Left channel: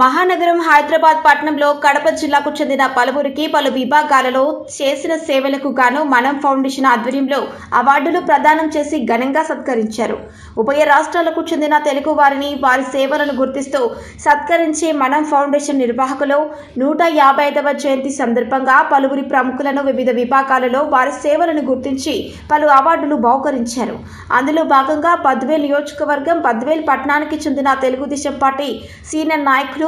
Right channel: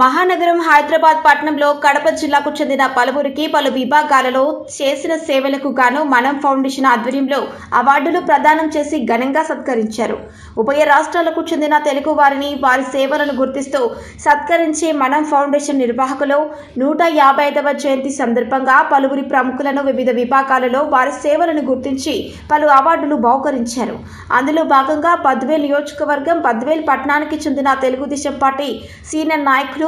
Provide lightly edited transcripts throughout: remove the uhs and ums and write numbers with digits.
మహానగరం హైదరాబాద్ పట్టణంలో కడప జిల్లాకు చెందిన పలువురికి పలు విభాగాలలో చేసిన సేవలకు గాను మనం ఫౌండేషన్ ఆధ్వర్యంలో అవార్డులు ప్రదానం చేసి ఘనంగా సత్కరించారు. ఉభయ రాష్ట్రాలకు చెందిన తెలుగు వారిని వారి సేవలను గుర్తిస్తూ సత్కరించే మనం ఫౌండేషన్ నిర్వాహకులు 155వ జయంతి సందర్భంగా పలువురి ప్రముఖులను వివిధ విభాగాలలో వారి సేవలను గుర్తించి పలు అవార్డులు బహుకరించారు. అందులో భాగంగా బద్వేల్ నియోజకవర్గం బద్వేల్ పట్టణానికి చెందిన తెలుగుదేశం పార్టీ సీనియర్ నాయకులు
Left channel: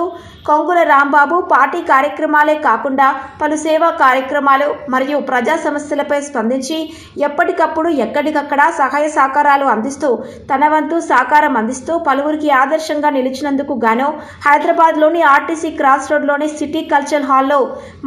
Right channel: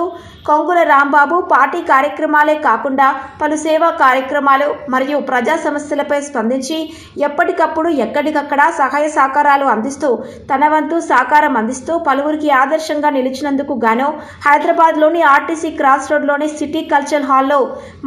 కొంగుల రాంబాబు పార్టీ కార్యక్రమాలే కాకుండా పలు సేవా కార్యక్రమాలు మరియు ప్రజా సమస్యలపై స్పందించి ఎప్పటికప్పుడు ఎక్కడికక్కడ సహాయ సహకారాలు అందిస్తూ తన వంతు సహకారం అందిస్తూ పలువురికి ఆదర్శంగా నిలిచినందుకు గాను హైదరాబాద్లోని ఆర్టీసీ క్రాస్ రోడ్లోని సిటీ కల్చరల్ హాల్లో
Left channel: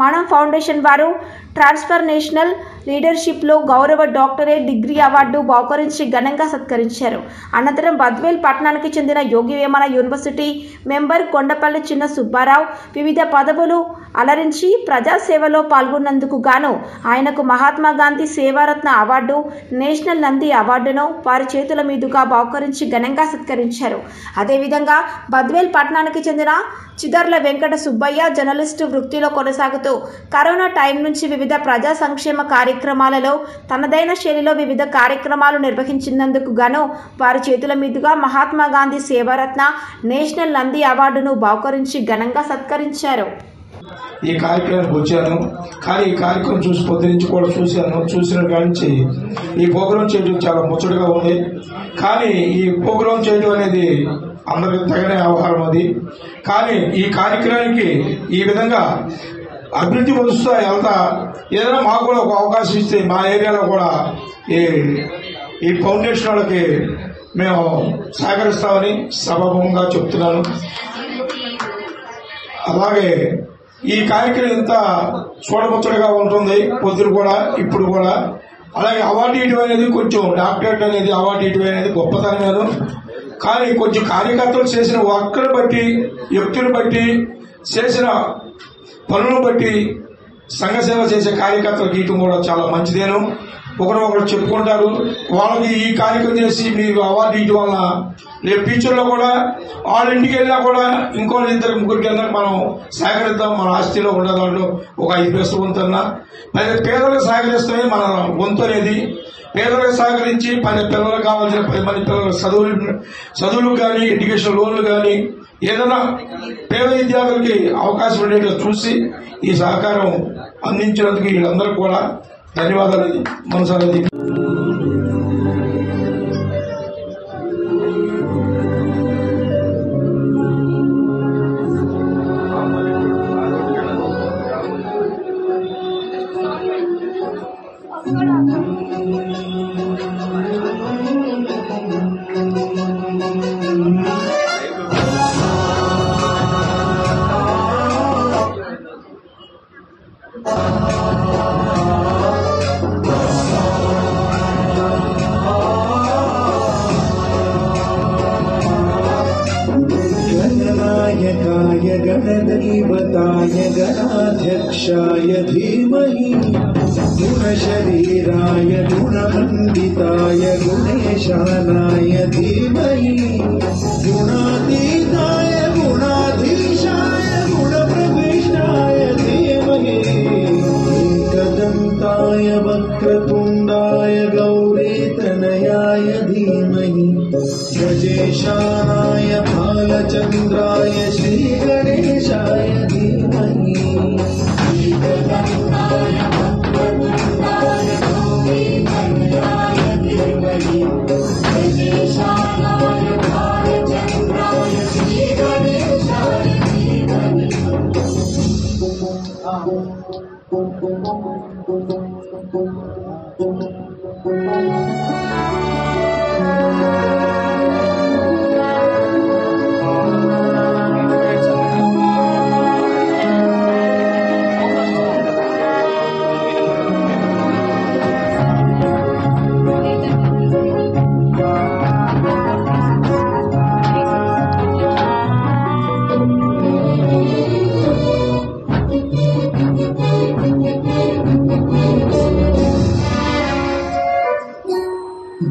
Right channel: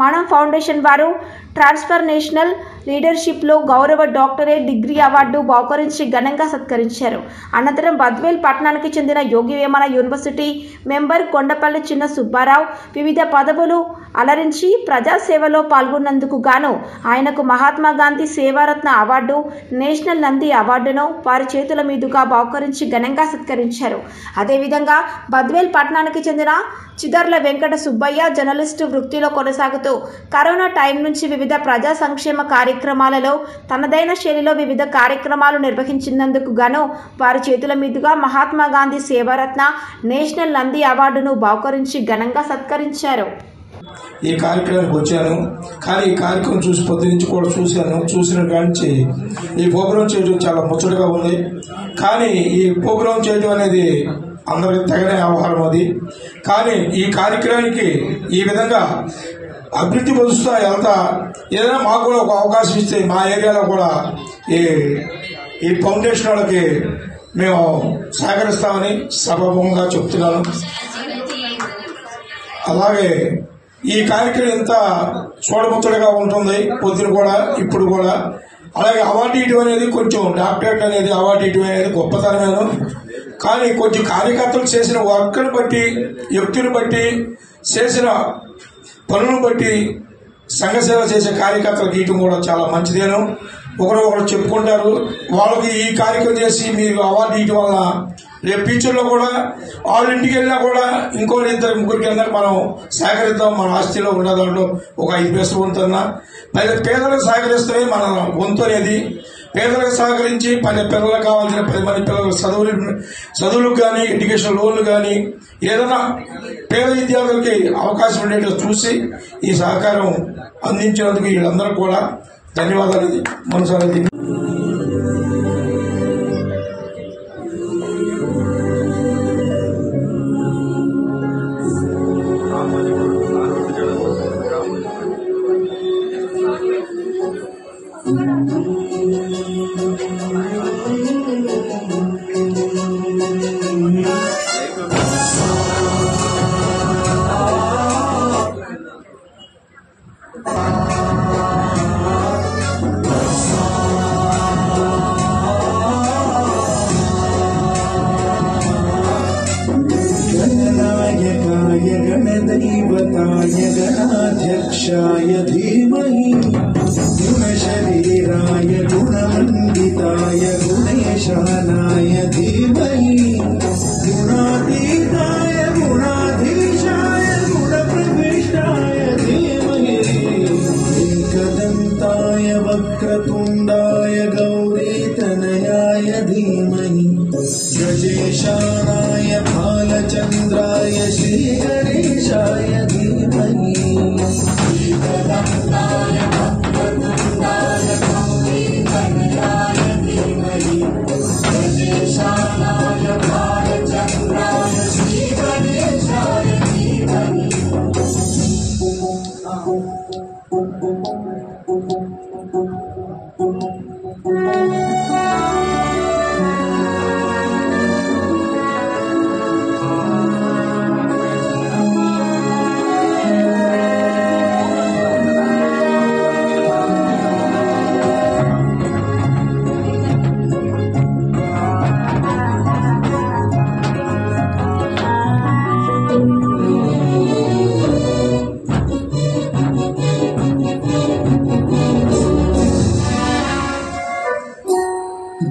మనం ఫౌండేషన్ వారు ట్రాన్స్ఫర్నేషనల్ లీడర్షిప్లో గౌరవ డాక్టరేట్ డిగ్రీ అవార్డు బహుకరించి ఘనంగా సత్కరించారు. అనంతరం బద్వేల్ పట్టణానికి చెందిన యోగి వేమన యూనివర్సిటీ మెంబర్ కొండపల్లి చిన్న సుబ్బారావు వివిధ పదవులు అలరించి ప్రజాసేవలో పాల్గొన్నందుకు గాను ఆయనకు మహాత్మా గాంధీ సేవారత్న అవార్డు, నేషనల్ నంది అవార్డును వారి చేతుల మీదుగా బహుకరించి ఘనంగా సత్కరించారు. అదేవిధంగా బద్వేల్ పట్టణానికి చెందిన చిదర్ల వెంకట సుబ్బయ్య జర్నలిస్టు వృత్తిలో కొనసాగుతూ కరోనా టైం నుంచి వివిధ ప్రజా సంక్షేమ కార్యక్రమాలలో తనదైన శైలిలో వివిధ కార్యక్రమాలు నిర్వహించినందుకు గాను వారి చేతుల మీదుగా మహాత్మా గాంధీ సేవారత్న, నేషనల్ నంది అవార్డును బహుకరించి ఘనంగా సత్కరించారు. ఈ కార్యక్రమానికి వచ్చాను, కానీ ఈ కార్యక్రమం చూసి పొద్దు నుంచి కూడా చూసిన కానించి ఈ ప్రోగ్రాం చేయడం చాలా ముచ్చటగా ఉంది. కానీ ఈ ప్రోగ్రాం చేయడం అనేది అందరికి తగిన వ్యవహారం అది. కానీ ఈ కార్యక్రమానికి ఈ విధంగా అభివృద్ధి పొందుతూ వెళ్తా ఏదైనా మాకు కూడా ఒక అవకాశం ఇస్తే మా ఏరియాలో కూడా ఈ ఫౌండేషన్ వాళ్ళకి మేము సహకరిస్తామని సభాముఖంగా చెప్తున్నాను. అలాగే ఈ కార్యక్రమం ఎంత చూడముచ్చటగా ఉంటుంది పొద్దున కూడా ఇప్పుడు కూడా. అలాగే అవార్డు ఇవ్వడం అనేది కొంచెం డాక్టరేట్ అనేది అవార్డు ఇవ్వడం అనేది గొప్పతనగాను, కానీ కొంచెం కార్యకర్తలు చేసిన వర్క్ను బట్టి, వ్యక్తులను బట్టి, చేసిన పనులను బట్టి సంఘ సేవ చేసే కార్యకర్తలకు ఇవ్వడం కూడా చాలా మంచిదేను. ఒకరు చెప్పుకుంటారు, వాళ్ళకి ఈ కార్యక్రమం చేసి మీరు అవార్డు ఇవ్వడం వల్ల రేపు ఫ్యూచర్లో కూడా వాళ్ళ ఇంటికి వెళ్ళినా కూడా ఇంకో 2-3 అందరూ మనం సహకరిద్దాం, మన ఆస్తిలో ఉన్న దాంట్లో ఒక 5 పైసలు వంతున్నా పేదలకు సహకరిస్తే మన వంతు అనేది. పేదలకు సహకరించి పిల్లలకు కావాల్సిన 10 మంది పిల్లల చదువులకు కానీ, ఎడ్యుకేషన్ లోన్లు కానీ, ఏదైనా పేద విద్యార్థులకి అవకాశం ఉండేట్టుగా చూసి ఈ సహకారం అందించినందుకు వీళ్ళందరూ కూడా ధన్యవాదాలు మనసారి. गणदैवताय गणाध्यक्षाय धीमहि गुणशरीराय गुणमण्डिताय गुणेशानाय धीमहि गुणातीताय गुणाधीशाय गुणप्रविष्टाय धीमहि एकदन्ताय वक्रतुण्डाय गौरीतनयाय धीमहि गजेशानाय भालचन्द्राय श्रीगणेशाय धीमहि एकदन्ताय वक्रतुण्डाय गौरीतनयाय धीमहि गजेशानाय भालचन्द्राय श्रीगणेशाय धीमहि।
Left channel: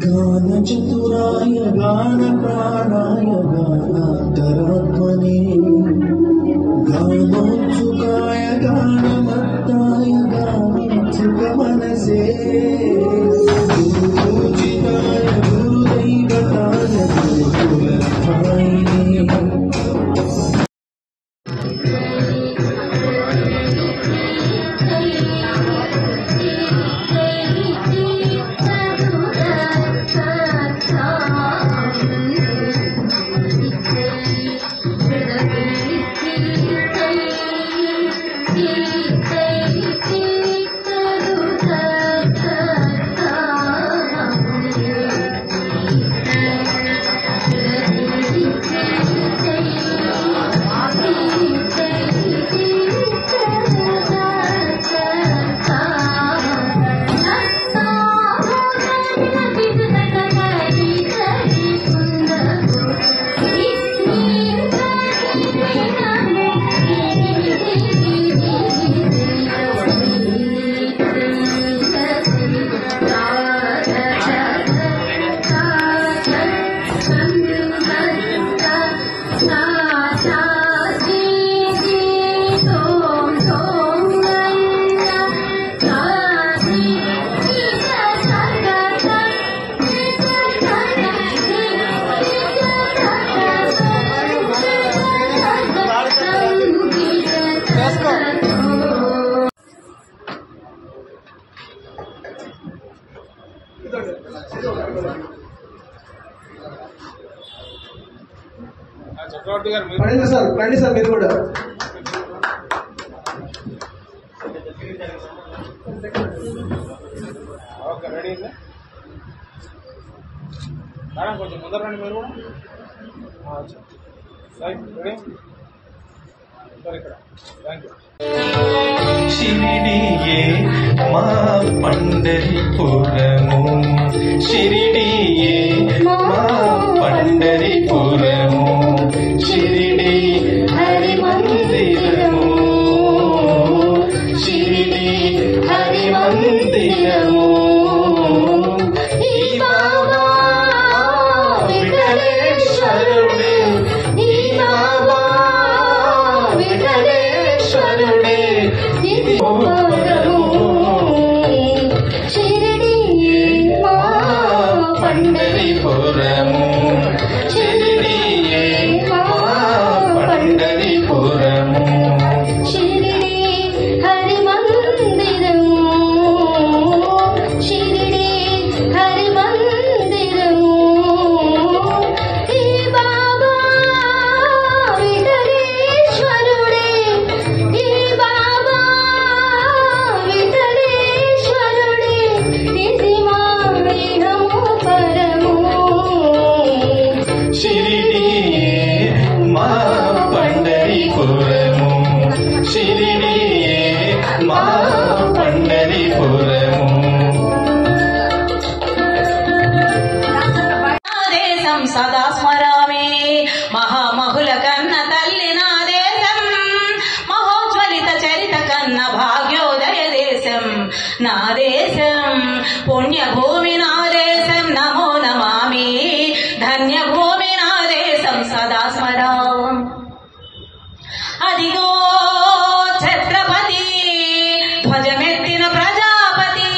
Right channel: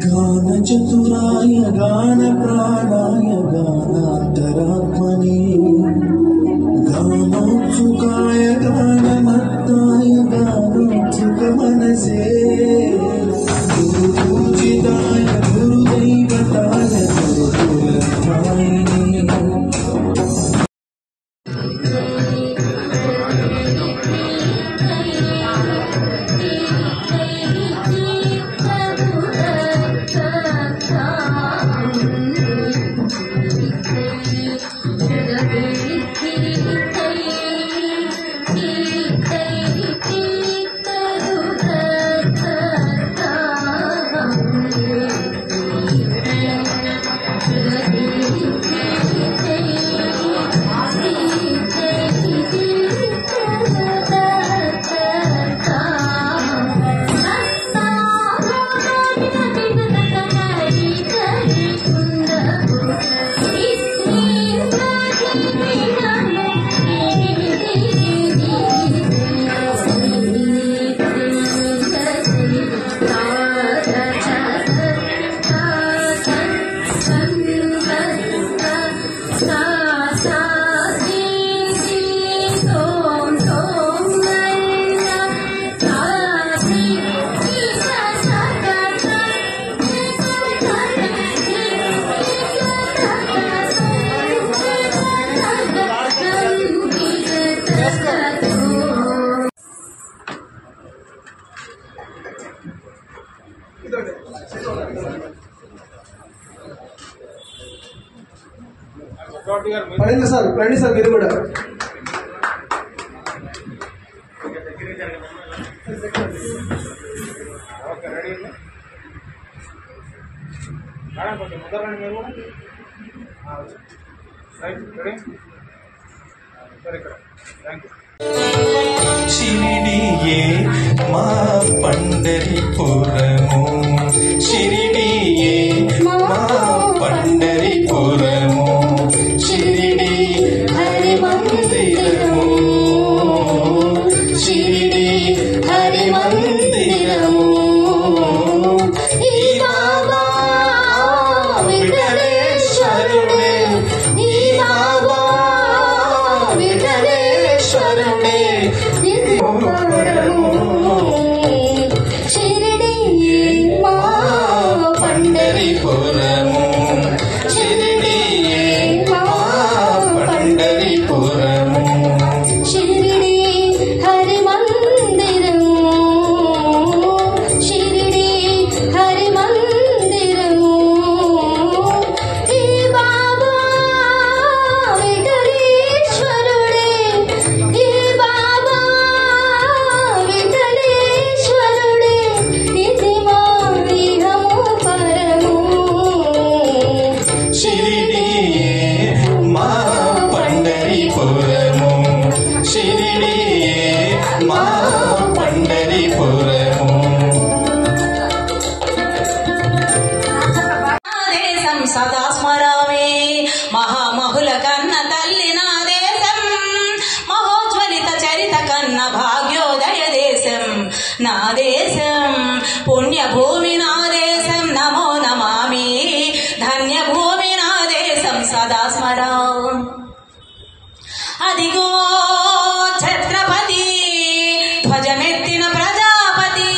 गानचतुराय गानप्राणाय गानान्तरात्मने कामोत्सुकाय गानमत्ताय गानोत्सुक मनसे गुरुपूजिताय गुरुदैवताय गुरुकुलधारिणे రండి సార్ మీరు కూడా మేడం కొంచెం ముందర రండి మీరు కూడా రైట్ రెడీ సార్ ఇక్కడ థ్యాంక్ యూ शिरडिये मा पंढरीपुरमु शिरडिये मा पंढरीपुरमु शिरडी हरि मंदिरमु शिरडी हरि मंदिरमु ई बाबा विठलेश्वरुडे ई बाबा विठलेश्वरुडे शिरडिये मा पंढरीपुरमु शिरडिये मा पंढरीपुरमु शिरडी हरि मंदिरमु शिरडी हरि मंदिरमु हे बाबा विठलेश्वरुडे हे बाबा विठलेश्वरुडे निधिवारि नमो परमु शिरडिये मा पंढरीपुरमु शिरडिये मा पंढरीपुरमु దేశం సదా స్మరామి మహామహుల కన్న తల్లి నా దేశం మహోజ్వలిత చరిత కన్న భాగ్యోదయ దేశం నా దేశం పుణ్యభూమి నా దేశం నమో నమామి ధన్యభూమి నా దేశం సదా స్మరామి అదిగో ఛత్రపతి ధ్వజమెత్తిన ప్రజాపతి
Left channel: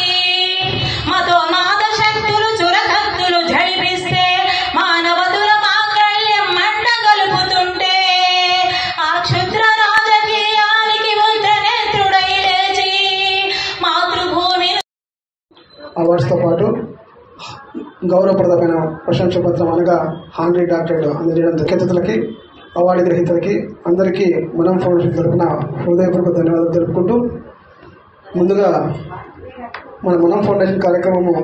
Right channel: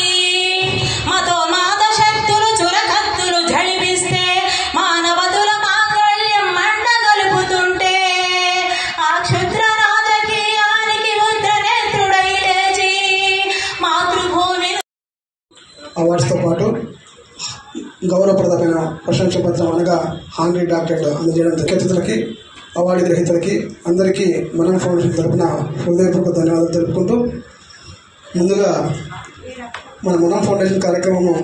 మతోన్మాద శక్తులు చురకత్తులు జడిపిస్తే మానవతుల మాంగళ్యం మంటగలుపుతుంటే ఆ క్షుద్ర రాజకీయానికి ముద్రనేత్రుడై లేచి మాతృభూమి అవార్డ్స్తో పాటు గౌరవప్రదమైన ప్రశంస పత్రం అనగా హానరీ డాక్టరేట్ అందజేయడం ముఖ్య అతిథులకి అవార్డు గ్రహీతలకి అందరికీ మనం ఫౌండేషన్ తరపున హృదయపూర్వక ధన్యవాదాలు తెలుపుకుంటూ ముందుగా మన మనం ఫౌండేషన్ కార్యక్రమము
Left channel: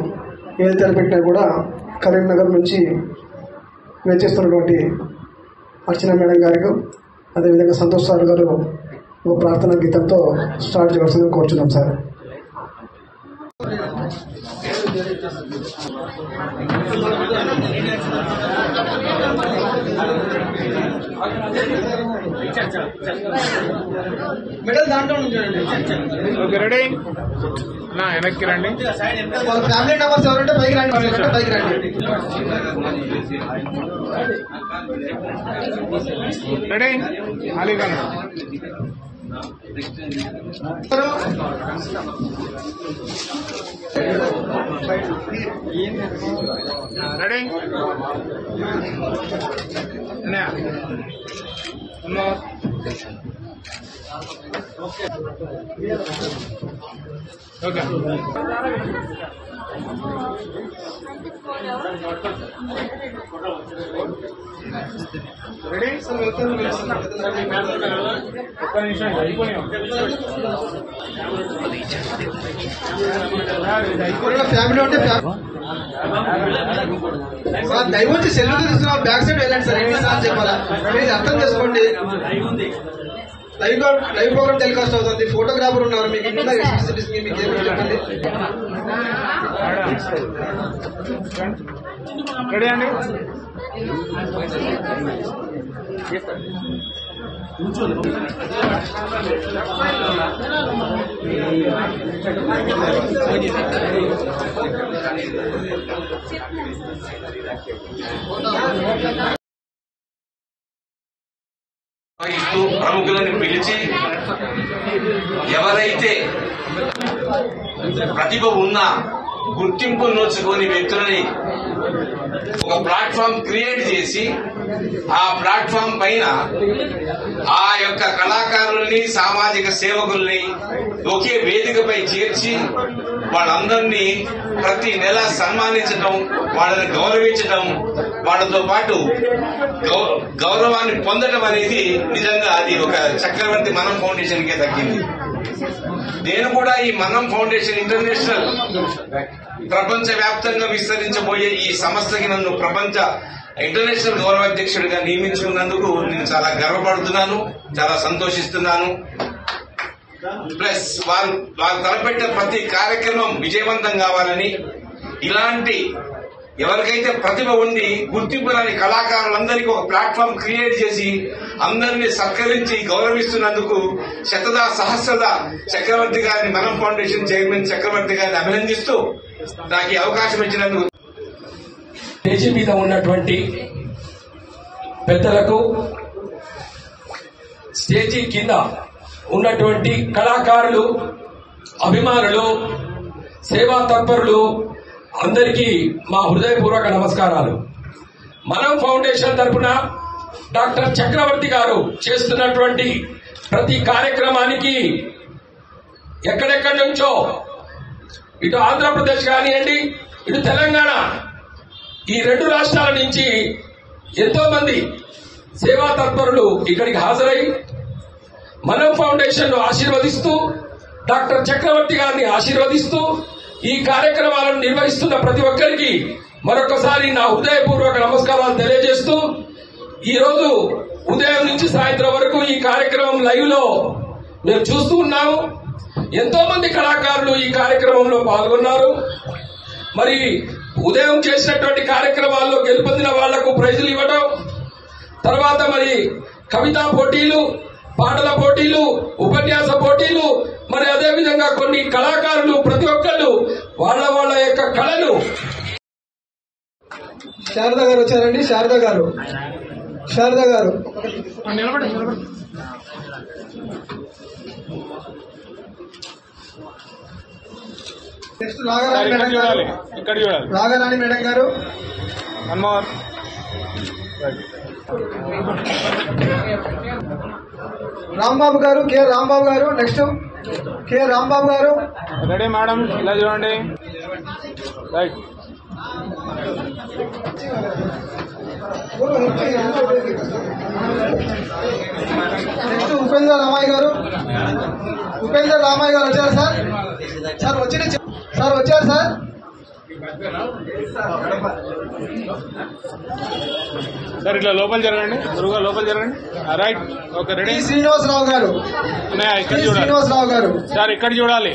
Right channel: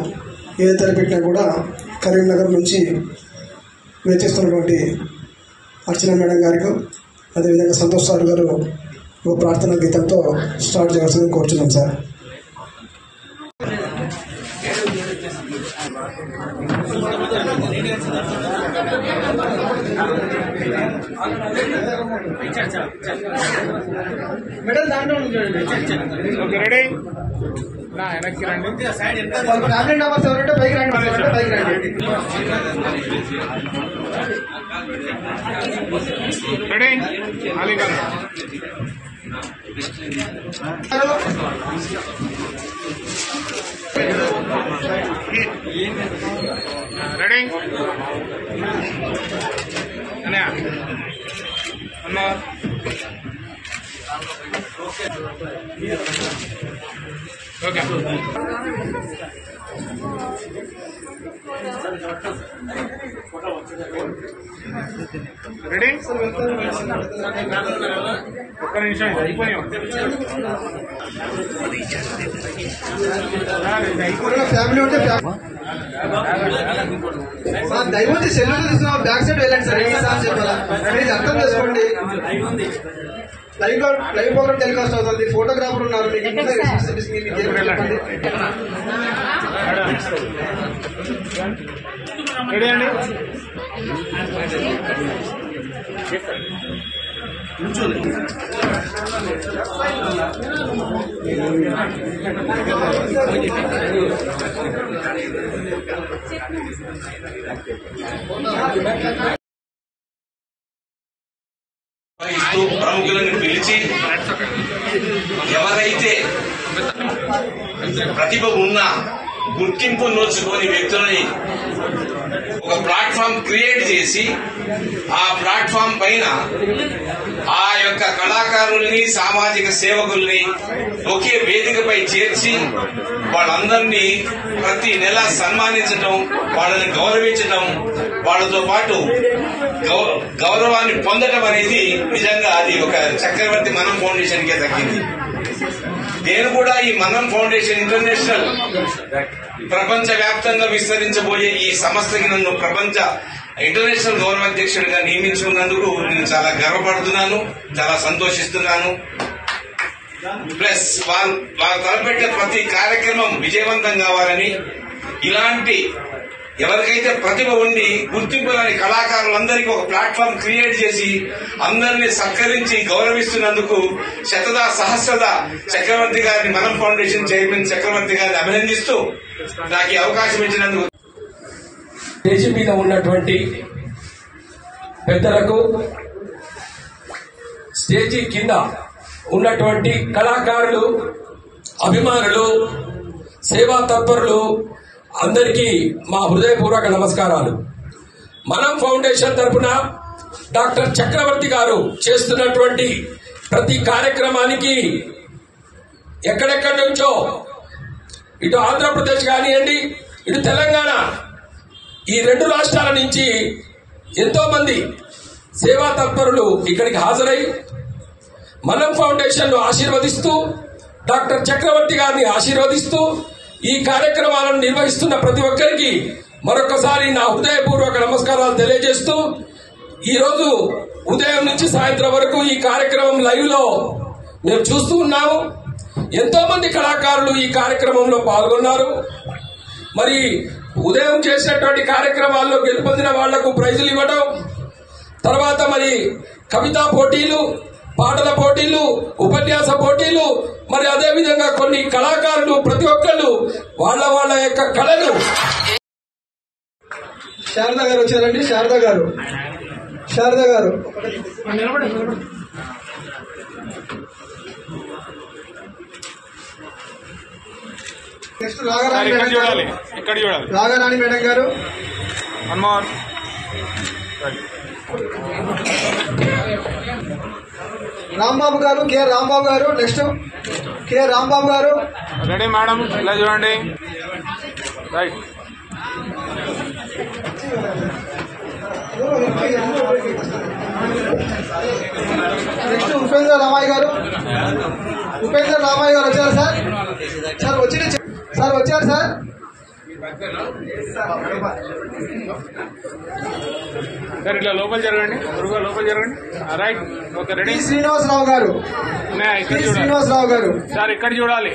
ఏది తలపెట్టినా కూడా కరీంనగర్ నుంచి వేచేస్తున్నటువంటి అర్చన మేడం గారికి అదేవిధంగా సంతోష్ సార్ గారు ఒక ప్రార్థనా గీతంతో స్టార్ట్ చేయాల్సిందని కోరుతున్నాం సార్. మెడల్ దాంట్లో రెడీ వెనక్కి రండి. వాళ్ళ ఫ్యామిలీ మెంబర్స్ ఎవరంటే పైకి రండి, పైకి రండి. రెడీ అలీ గారు రెడీ అన్నా ఓకే రెడీ ఒక్క నిమిషం అయిపోయాం. ఫ్యామిలీ ఉంటే దయవచ్చి సెల్లు తీసుకున్న బ్యాక్ సైడ్ వెళ్ళండి సార్. ఎన్నిసార్లు చెప్పాలా ప్లీజ్ అర్థం చేసుకోండి. లైవ్ ప్రోగ్రామ్ టెలికాస్ట్ అవుతుంది. ఫోటోగ్రాఫర్ ఉన్నారు మీకు ఇంకా మీకు రెడీ అండి. ప్రముఖులను పిలిచి ఎవరైతే ప్రతిభ ఉన్నా గుర్తింపు నోచుకోని వ్యక్తులని ఒక ప్లాట్ఫామ్ క్రియేట్ చేసి ఆ ప్లాట్ఫామ్ పైన ఆ యొక్క కళాకారుల్ని సామాజిక సేవకుల్ని ఒకే వేదికపై చేర్చి వాళ్ళందరినీ ప్రతి నెల సన్మానించడం, వాళ్ళని గౌరవించడం, వాళ్ళతో పాటు గౌరవాన్ని పొందడం అనేది నిజంగా అది ఒక చక్రవర్తి మనం ఫౌండేషన్ కే దక్కింది. నేను కూడా ఈ మనం ఫౌండేషన్ ఇంటర్నేషనల్ ప్రపంచ వ్యాప్తంగా విస్తరించబోయే ఈ సంస్థకి నన్ను ప్రపంచ ఇంటర్నేషనల్ గౌరవాధ్యక్షుడిగా నియమించుకున్నందుకు నేను చాలా గర్వపడుతున్నాను, చాలా సంతోషిస్తున్నాను. ప్లస్ వారు తలపెట్టిన ప్రతి కార్యక్రమం విజయవంతం కావాలని, ఇలాంటి ఎవరికైతే ప్రతిభ ఉండి గుర్తింపు లేని కళాకారులందరికీ ఒక ప్లాట్ఫామ్ క్రియేట్ చేసి అందరినీ సత్కరించి గౌరవిస్తున్నందుకు శతదా సహస్రదా చక్రవర్తి గారిని, మనం ఫౌండేషన్ చైర్మన్ చక్రవర్తి గారిని అభినందిస్తూ నాకు ఈ అవకాశం ఇచ్చినందుకు స్టేజీ మీద ఉన్నటువంటి పెద్దలకు, స్టేజీ కింద ఉన్నటువంటి కళాకారులు, అభిమానులు, సేవా తత్పరులు అందరికీ మా హృదయపూర్వక నమస్కారాలు. మనం ఫౌండేషన్ తరఫున డాక్టర్ చక్రవర్తి గారు చేస్తున్నటువంటి ప్రతి కార్యక్రమానికి ఎక్కడెక్కడి నుంచో, ఇటు ఆంధ్రప్రదేశ్ కానివ్వండి, ఇటు తెలంగాణ, ఈ రెండు రాష్ట్రాల నుంచి ఎంతో మంది సేవా తత్పరులు ఇక్కడికి హాజరై మనం ఫౌండేషన్ ను ఆశీర్వదిస్తూ, డాక్టర్ చక్రవర్తి గారిని ఆశీర్వదిస్తూ ఈ కార్యక్రమాలను నిర్వహిస్తున్న ప్రతి ఒక్కరికి మరొకసారి నా హృదయపూర్వక నమస్కారాలు తెలియజేస్తూ, ఈ రోజు ఉదయం నుంచి సాయంత్రం వరకు ఈ కార్యక్రమం లైవ్ లో మేము చూస్తూ ఉన్నాము. ఎంతో మంది కళాకారులు ఈ కార్యక్రమంలో పాల్గొన్నారు. మరి ఉదయం చేసినటువంటి కార్యక్రమాల్లో గెలుపొందిన వాళ్లకు ప్రైజులు ఇవ్వడం, తర్వాత మరి కవితా పోటీలు, పాటల పోటీలు, ఉపన్యాస పోటీలు, మరి అదేవిధంగా కొన్ని కళాకారులు ప్రతి ఒక్కళ్ళు వాళ్ళ యొక్క కళను. శారద గారు వచ్చారండి. శారద గారు నెక్స్ట్ రాగారాణి మేడం గారు. రాంబాబు గారు, కె రాంబాబు గారు. నెక్స్ట్ కె రాంబాబు గారు. రెడీ మేడం, ఇలా చూడండి. రైట్. నెక్స్ట్ ఉపేంద్ర రామయ్య గారు. వచ్చారు సార్. వచ్చారు సార్. సార్ ఇట్లా లోపల జరగండి, గురుగా లోపల జరగండి. Right, okay. రెడీ. శ్రీనివాసరావు గారు. సార్ ఇక్కడ చూడాలి.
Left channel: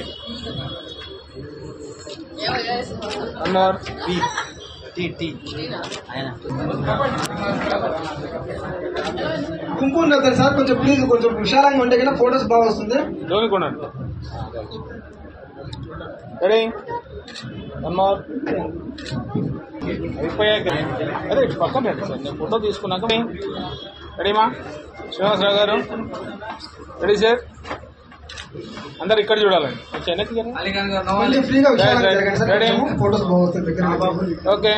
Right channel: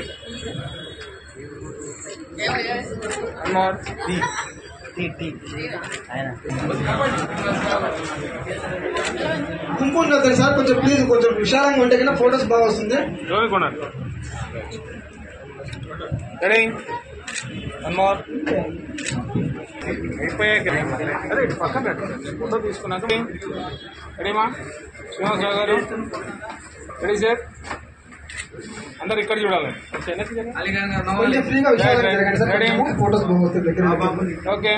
గుంపు ఉన్నది సార్, కొంచెం ప్లీజ్ కొంచెం విశాలంగా ఉంటే కన్నా ఫోటోస్ బాగా వస్తుంది. రెడీ వన్ మోర్ అయిపోయాక అదే ఇటు పక్కన పెట్టు సార్ నేను ఫోటో తీసుకున్నాక రెడీమా శ్రీనివాసరావు గారు రెడీ సార్ అందరు ఇక్కడ చూడాలండి రెడీ ఓకే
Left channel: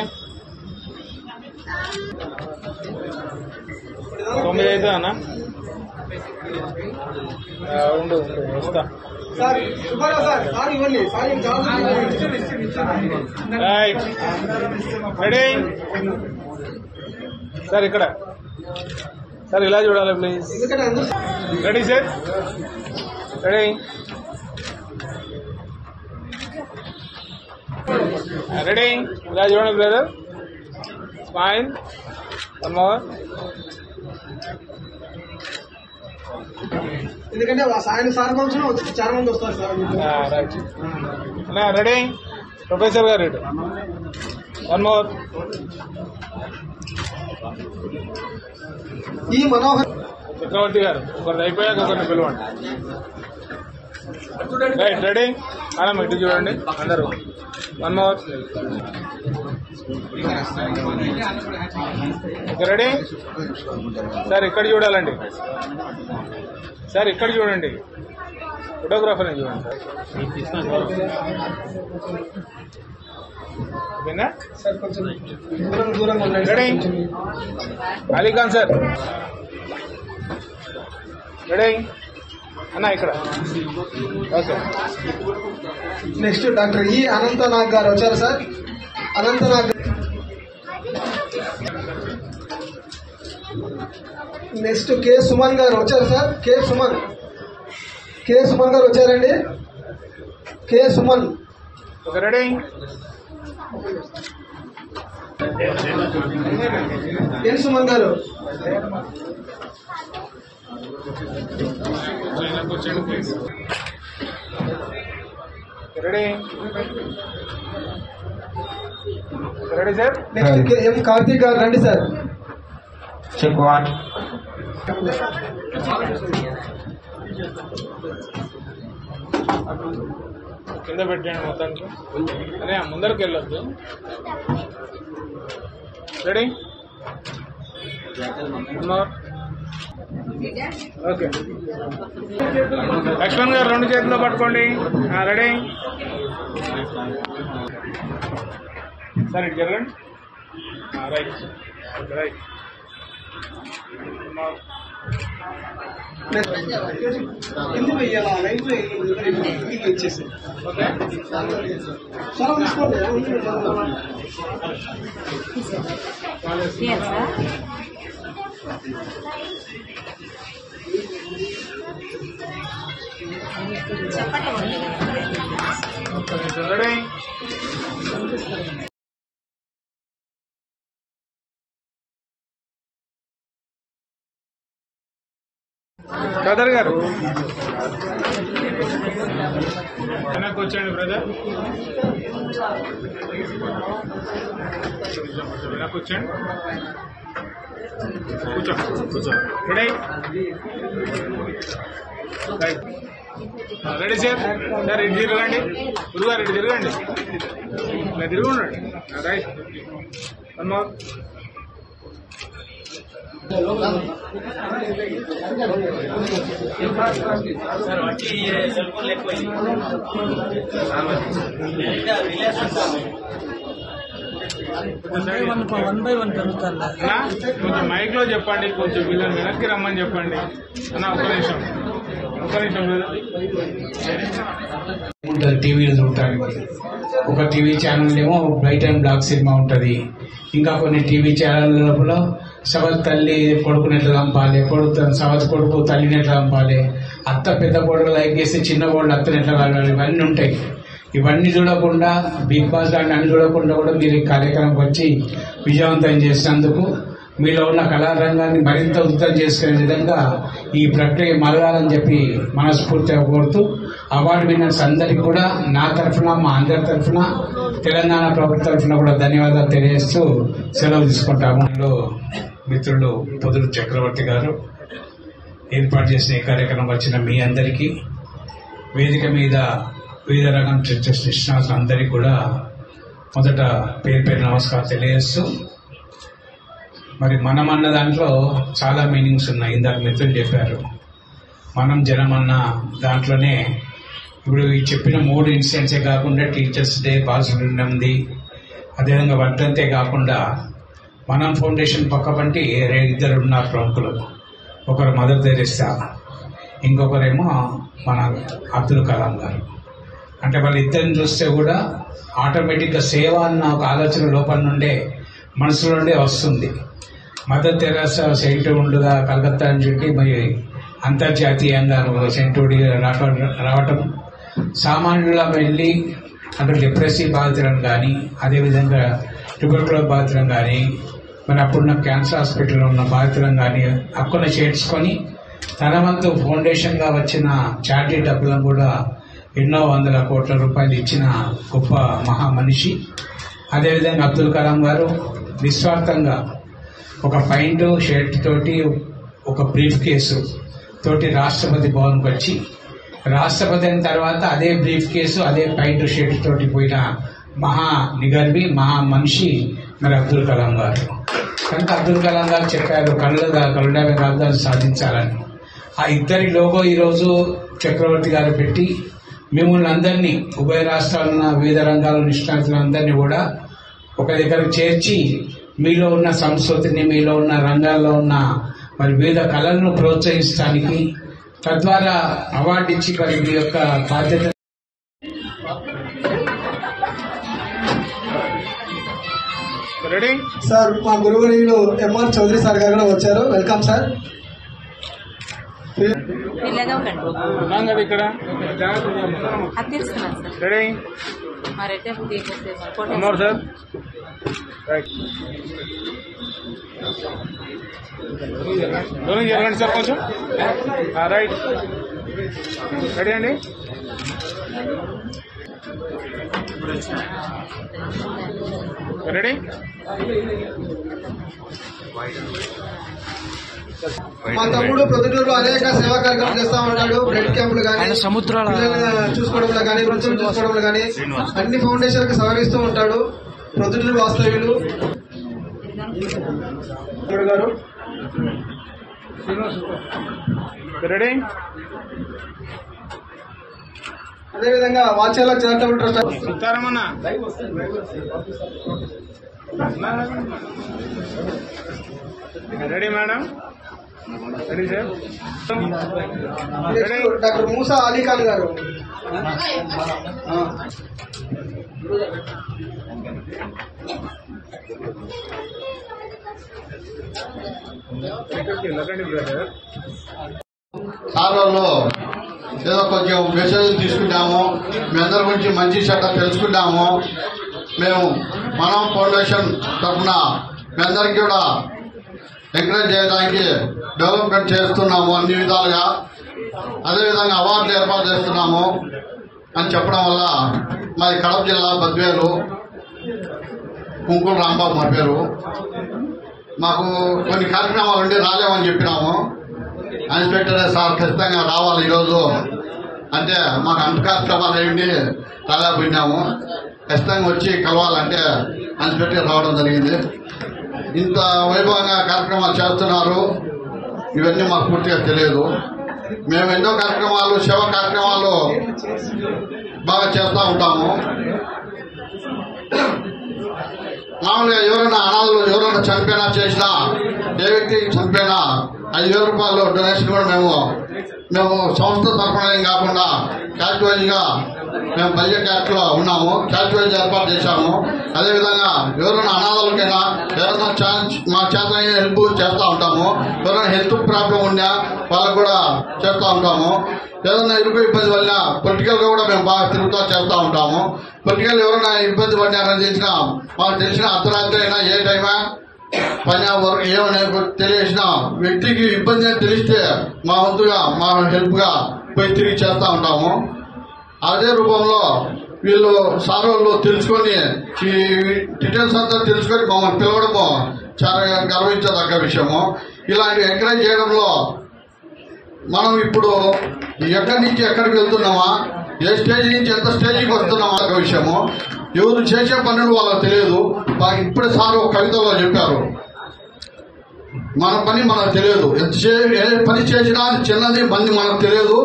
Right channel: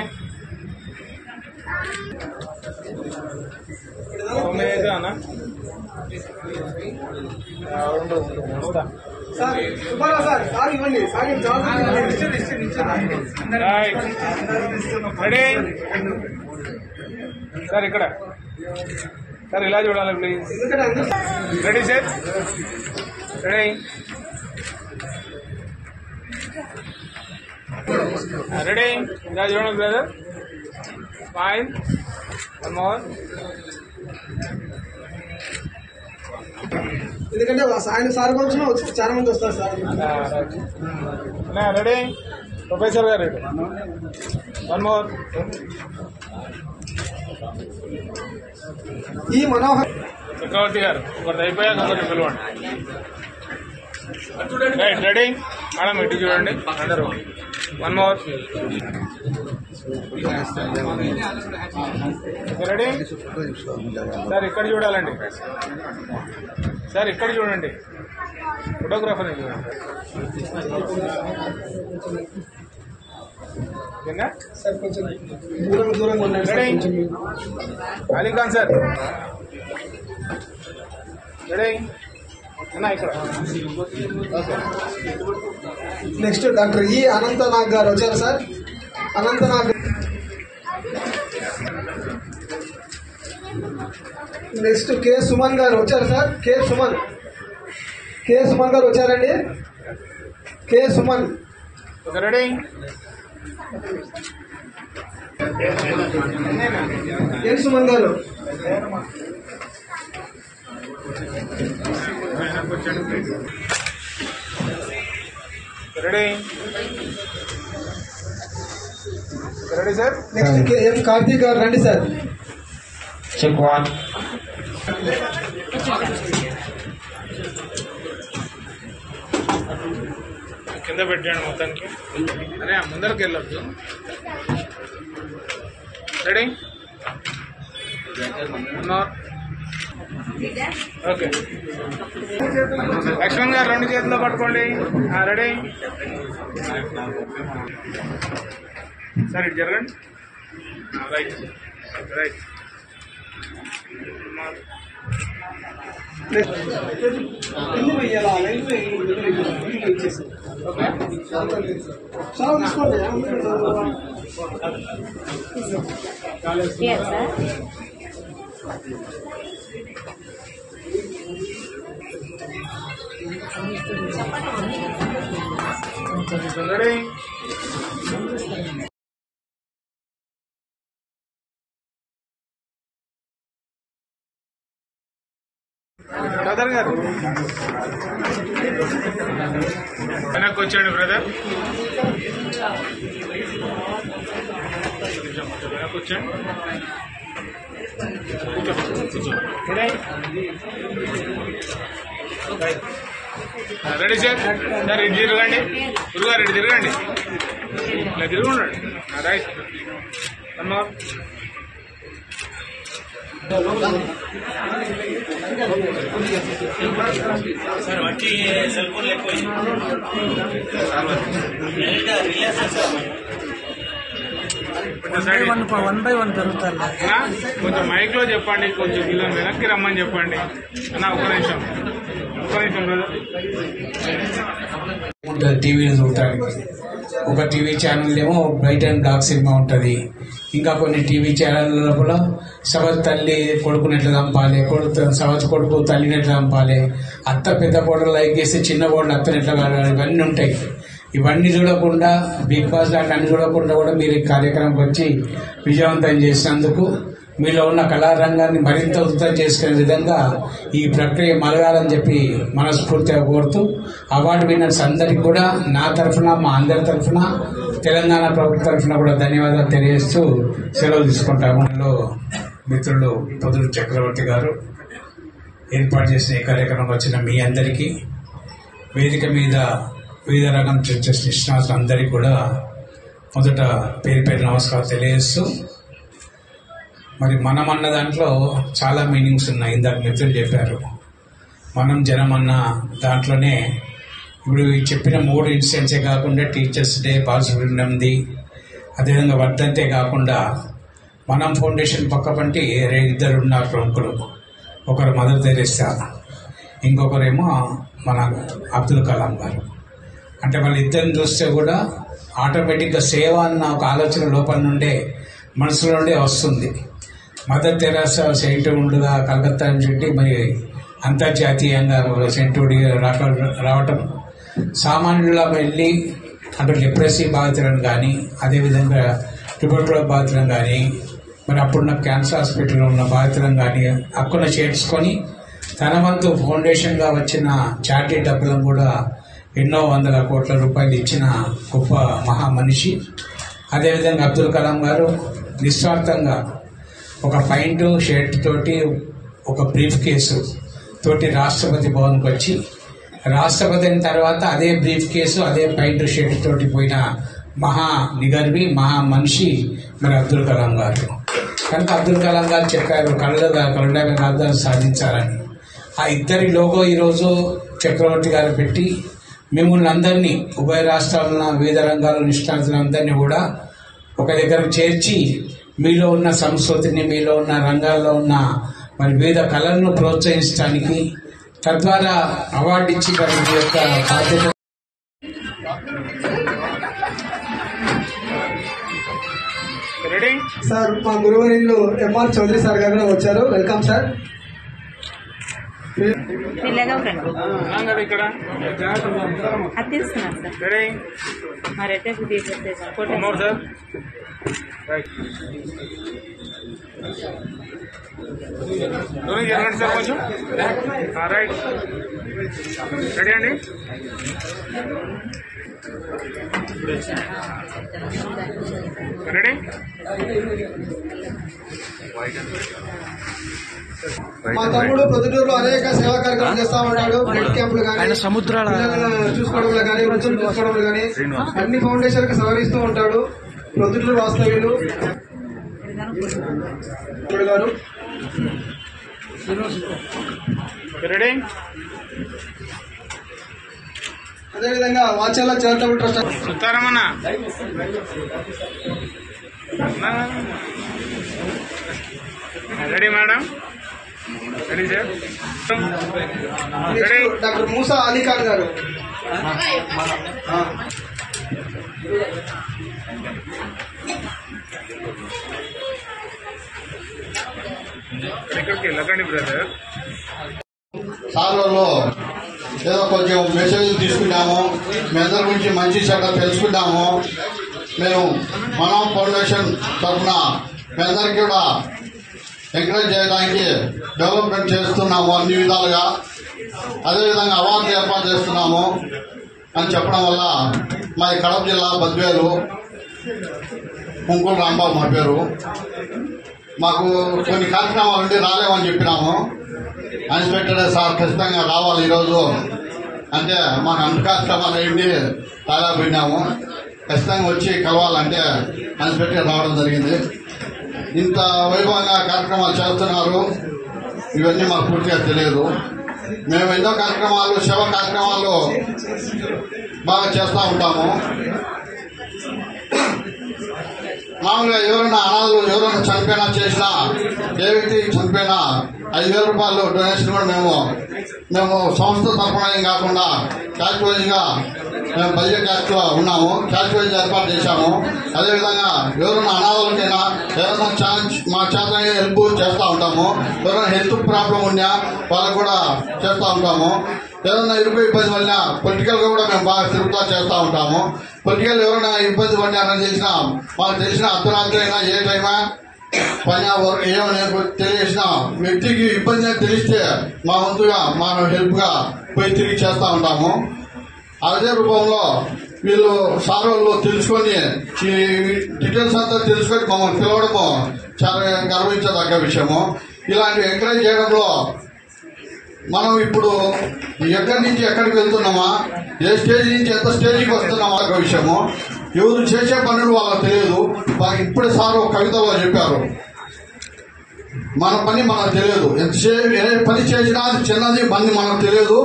9 అయితే అన్న ఉండు వస్తా రైట్ రెడీ సార్ ఇక్కడ సార్ ఇలా చూడాలి please ready sir ready ready ఇలా చూడండి బ్రదర్ స్మైల్ వన్ మోర్ ఎందుకంటే ఆయన సార్ కోసం చాలా మంది వస్తారు సార్. రెడీ ప్రొఫెసర్ గారు రెడీ వన్ మోర్ ఈ మనోహర్ చక్రవర్తి గారు ఒకటి అయిపోయాక ఒకటి పిలవండి రైట్ రెడీ మేడం ఇటు చూడండి అందరూ వన్ మోర్ రెడీ సార్ ఇక్కడ చూడాలండి సార్ ఇక్కడ చూడండి ఫోటోగ్రాఫర్ని చూడండి సార్ కొంచెం దూరంగా ఉండండి. రెడీ అలీఖాన్ సార్ రెడీ అన్నా ఇక్కడ ఓకే నెక్స్ట్ డాక్టర్ ఈ అనంతనాగ్ గారు వచ్చారు sir. Anantnag next K Suman గారు వచ్చారు సార్. కె సుమన్ గారు వచ్చారండి. కె సుమన్ రెడీ ఎన్ సుమన్ గారు రెడీ రెడీ సార్ నెక్స్ట్ ఎం కార్తీక్ గారు రండి సార్. చెక్ వన్ కింద పెట్టండి మొత్తానికి అదే ముందరికి వెళ్ళొద్దు రెడీ ఓకే లక్ష్మణ్ గారు 2 చేతుల్లో పట్టుకోండి రెడీ సార్ ఇటు జరగండి రైట్ రైట్ రెడీ బ్రదర్ గారు వెనక్కి వచ్చాడు బ్రదర్ వెనక్కి వచ్చాడు కూర్చో రెడీ రెడీ సార్ సార్ ఇటు తిరగండి గురుగారు ఇటు తిరగండి ఇలా తిరుగున్నాడు రైట్ వన్ మోర్ సార్ వచ్చి సెల్ ఫోన్ ఎక్కువ వన్ బై వన్ జరుగుతారు కొంచెం మైక్ లో చెప్పండి కొంచెం వీళ్ళని వెనక్కి రమ్మని చెప్పండి అన్న ఒక నిమిషం టీవీలో చూడటానికి ఒక టీవీ ఛానల్ ఏమో బ్రైట్ అండ్ బ్లాక్ సినిమా ఉంటుంది. ఇంకా కొన్ని టీవీ ఛానల్ లోపల సవత్ తల్లి కొడుకుని ఎట్లా చంపాలి, సవత్ కొడుకు తల్లిని ఎట్లా చంపాలి, అత్త పెద్ద కోడలు లైక్ చేస్తే చిన్న కోడలు అత్తని ఎట్లా కావాలి, ఇవన్నీ ఉంటాయి. ఇవన్నీ చూడకుండా బిగ్ బాస్ లాంటి అన్ని చూడకుండా కూడా మీరు ఈ కార్యక్రమం వచ్చి విజయవంతం చేసినందుకు మీలో ఉన్న కళారంగాన్ని మరింత ఉత్తమం చేసుకునే విధంగా ఈ ప్రక్రియ మలగాలని చెప్పి మనస్ఫూర్తిగా కోరుతూ అవార్డు విన్నర్స్ అందరికీ కూడా నా తరఫున మా అందరి తరఫున తెలంగాణ ప్రభుత్వం తరఫున కూడా ధన్యవాదాలు తెలియజేస్తూ సెలవు తీసుకుంటాము. మిత్రులు పొదురు చక్రవర్తి గారు ఏర్పాటు చేసిన ఈ కార్యక్రమం వచ్చిన మీ అందరికీ, వేదిక మీద వివిధ రకం నిష్ణాతులందరికీ కూడా మొదట పేరు పేరు నమస్కారం తెలియజేస్తూ, మరి మనం అన్న దాంట్లో చాలా మీనింగ్స్ ఉన్నాయి. ఇందాక మిత్రులు చెప్పారు, మనం జనం అన్న దాంట్లోనే ఇప్పుడు చెప్పిన 3 ఇన్సిడెంట్సే కాకుండా టీచర్స్ డే పాసిబిలిటీ ఉంది. అదేవిధంగా వర్ధంతే కాకుండా మనం ఫౌండేషన్ పక్కపంటి 2 ఉన్నారు ప్రముఖులు. ఒకరు మదర్ తెరెసా, ఇంకొకరేమో మన అబ్దుల్ కలాం గారు. అంటే వాళ్ళిద్దరిని చూస్తే కూడా ఆటోమేటిక్గా సేవ అన్న ఒక ఆలోచన లోపల నుండే మనసులో నుండే వస్తుంది. మదర్ తెరెసా సెయింట్వుడ్గా కలకత్తా నుంచి మరి అంతర్జాతీయంగా సెయింట్వుడ్ రావటం, సామాన్యులా వెళ్ళి అటు డిప్రెసివ్ బాధితులను కానీ, అదేవిధంగా ట్యూబర్క్యులోసిస్ బాధితులను కానీ, మరి అప్పుడున్న క్యాన్సర్ హాస్పిటల్లో ఉన్న బాధితులను కానీ అక్కడ చేర్చుకొని తన వంతు ఫౌండేషన్గా వచ్చిన చారిటీ డబ్బులను కూడా ఎన్నో వందల కోట్ల రూపాయలు ఇచ్చిన గొప్ప మహామనిషి. అదేవిధంగా అబ్దుల్ కలాం గారు నిస్వార్థంగా ఒక పైంట్ షర్ట్ తోటి, ఒక బ్రీఫ్ కేసు తోటి రాష్ట్రపతి భవన్కి వచ్చి, రాష్ట్రపతి అయిన తర్వాత అదే బ్రీఫ్ కేసు అదే పైంట్ షర్ట్ తోటి పోయిన మహా నిగర్వి మహా మనిషి మరి అబ్దుల్ కలాం గారు. కనుక అబ్దుల్ కలాం గారు చెప్పారు కరుణాభ రాజధాని సాధించాలని. ఆ ఇద్దరి లోగో ఈరోజు చక్రవర్తి గారు పెట్టి మిమ్మల్ని అందరినీ, ఉభయ రాష్ట్రాల వివిధ రంగాల నిష్ణాతులందరినీ కూడా ఒక దగ్గరకు చేర్చి మీలో ఉన్న సంస్కృతిని, మీలో ఉన్న రంగాల్లో ఉన్న మరి వివిధ కళలను ప్రోత్సహించడానికి, తద్వారా అవార్డు ఇచ్చి మరి మీ యొక్క బాధ్యత. సార్ మా గురువులు ఎంఆర్ చౌదరి సార్ గారు కూడా వచ్చారు. Welcome sir. ఇక్కడ అది తెలుసుకున్నాను సార్. మరైతే సార్ జరగండి సార్ కొంచెం. రైట్, రెడీ అండి. రెడీ. మా తమ్ముడు ప్రొద్దుటూరులో అనేక సేవా కార్యక్రమాలు చేస్తా ఉంటాడు. బ్లడ్ క్యాంపులు కానీ, చూసుకోవడంలో కానీ, వృత్తులు చూసుకోవడంలో కానీ అన్ని ఫౌండేషన్ కి సహకరిస్తూ ఉంటాడు. ప్రొద్దుటూరు వాస్తవ్యులు గారు. రెడీ. అదేవిధంగా వాచాల చారిటబుల్ ట్రస్ట్ సుతారమన్న ready madam. Ready sir. Ready. Doctor Moosa Ali Khan గారు. ఇక్కడికి వెళ్ళకండి బ్రదర్. సార్లలో ఏదో కొంచెం మెసేజ్ తీసుకుంటాము, మీ అందరి గురించి మంచి చెడ్డ తెలుసుకుంటాము. మేము మనం ఫౌండేషన్ తరఫున మీ అందరికీ కూడా ఎంకరేజ్ చేయడానికి డెవలప్మెంట్ చేస్తున్నాము అన్ని విధాలుగా. అదేవిధంగా అవార్డు ఏర్పాటు చేస్తున్నాము అని చెప్పడం వల్ల మాది కడప జిల్లా బద్వేలు, కుంకుల రాంబాబు మా పేరు. మాకు కొన్ని కార్యక్రమాలు ఉండి రాలేమని చెప్పినాము. ఇన్స్పెక్టర్ సార్ ఖచ్చితంగా రావాలి ఈరోజు అంటే మాకు అంత కార్యక్రమాలు ఏంటి రాలేకపోయినాము. ఖచ్చితంగా వచ్చి కలవాలంటే ఇన్స్పెక్టర్ రావడం జరిగింది. ఇంత వైభవంగా కార్యక్రమాలు చేస్తున్నారు, ఇవన్నీ మాకు పూర్తిగా తెలియదు. మేము ఎన్నో కార్యక్రమాలు, సేవా కార్యక్రమాలు బాగా చేస్తూ ఉంటాము. మామూలుగా ఎవరైనా అనాథలు ఎవరైనా చనిపోయినా చేసినా, ఏ వ్యక్తి చనిపోయినా 5,000 రూపాయలు డొనేషన్ కూడా మేము సంస్థ తరఫున కాకుండా క్యాష్ వైజ్ గా మేము బడ్జెట్ క్యాష్ లో ఉన్నాము. క్యాష్ వైజ్ ఏర్పాటు చేశాము. అదేవిధంగా ఎవరైనా అనాథలకైనా ఎవరైనా మా చేత హెల్ప్ చేస్తూ ఉంటాము. ఎవరైనా హెల్త్ ప్రాబ్లం ఉన్నా వాళ్ళకు కూడా చేస్తూ ఉంటాము. ఏదైనా ఇబ్బంది వల్ల పొలిటికల్ గా కూడా మేము బాగా తిరుగుతూ చేస్తూ ఉంటాము. పొలిటికల్ ఎవరైనా ఇబ్బంది పడినారని తెలిసినా, మాకు తెలిసిన అర్ధరాత్రి అయినా ఏ టైమా పని వరకు ఏమైనా తెలిసిన వ్యక్తికి ఇబ్బంది తెలిస్తే మా వంతుగా మా హెల్ప్ గా పోయి తిరిగి చేస్తూ ఉంటాము. అదే రూపంలో వీళ్ళు సార్ వాళ్ళు తెలుసుకొని ఈ డీటెయిల్స్ అంతా తెలుసుకొని మమ్మల్ని పిలవడము చాలా గర్వించదగ్గ విషయము. ఇలాంటి ఎంకరేజ్ చేయడంలో మనం ఇప్పుడు ఎక్కడి నుంచి ఎక్కడికి వెళ్తున్నామా, ఏ స్టేజ్ నుంచి ఎంత స్టేజ్కి వస్తున్నాం ఒక విషయము. ఎవరు చేసే పనులు వాళ్ళకి తెలియదు. ఇప్పుడే సార్ ఒక కవితలో చెప్పారు, మన పని మనకు తెలియదు. ఏ పని చేసినా చిన్నది పని మనకు తెలియదు.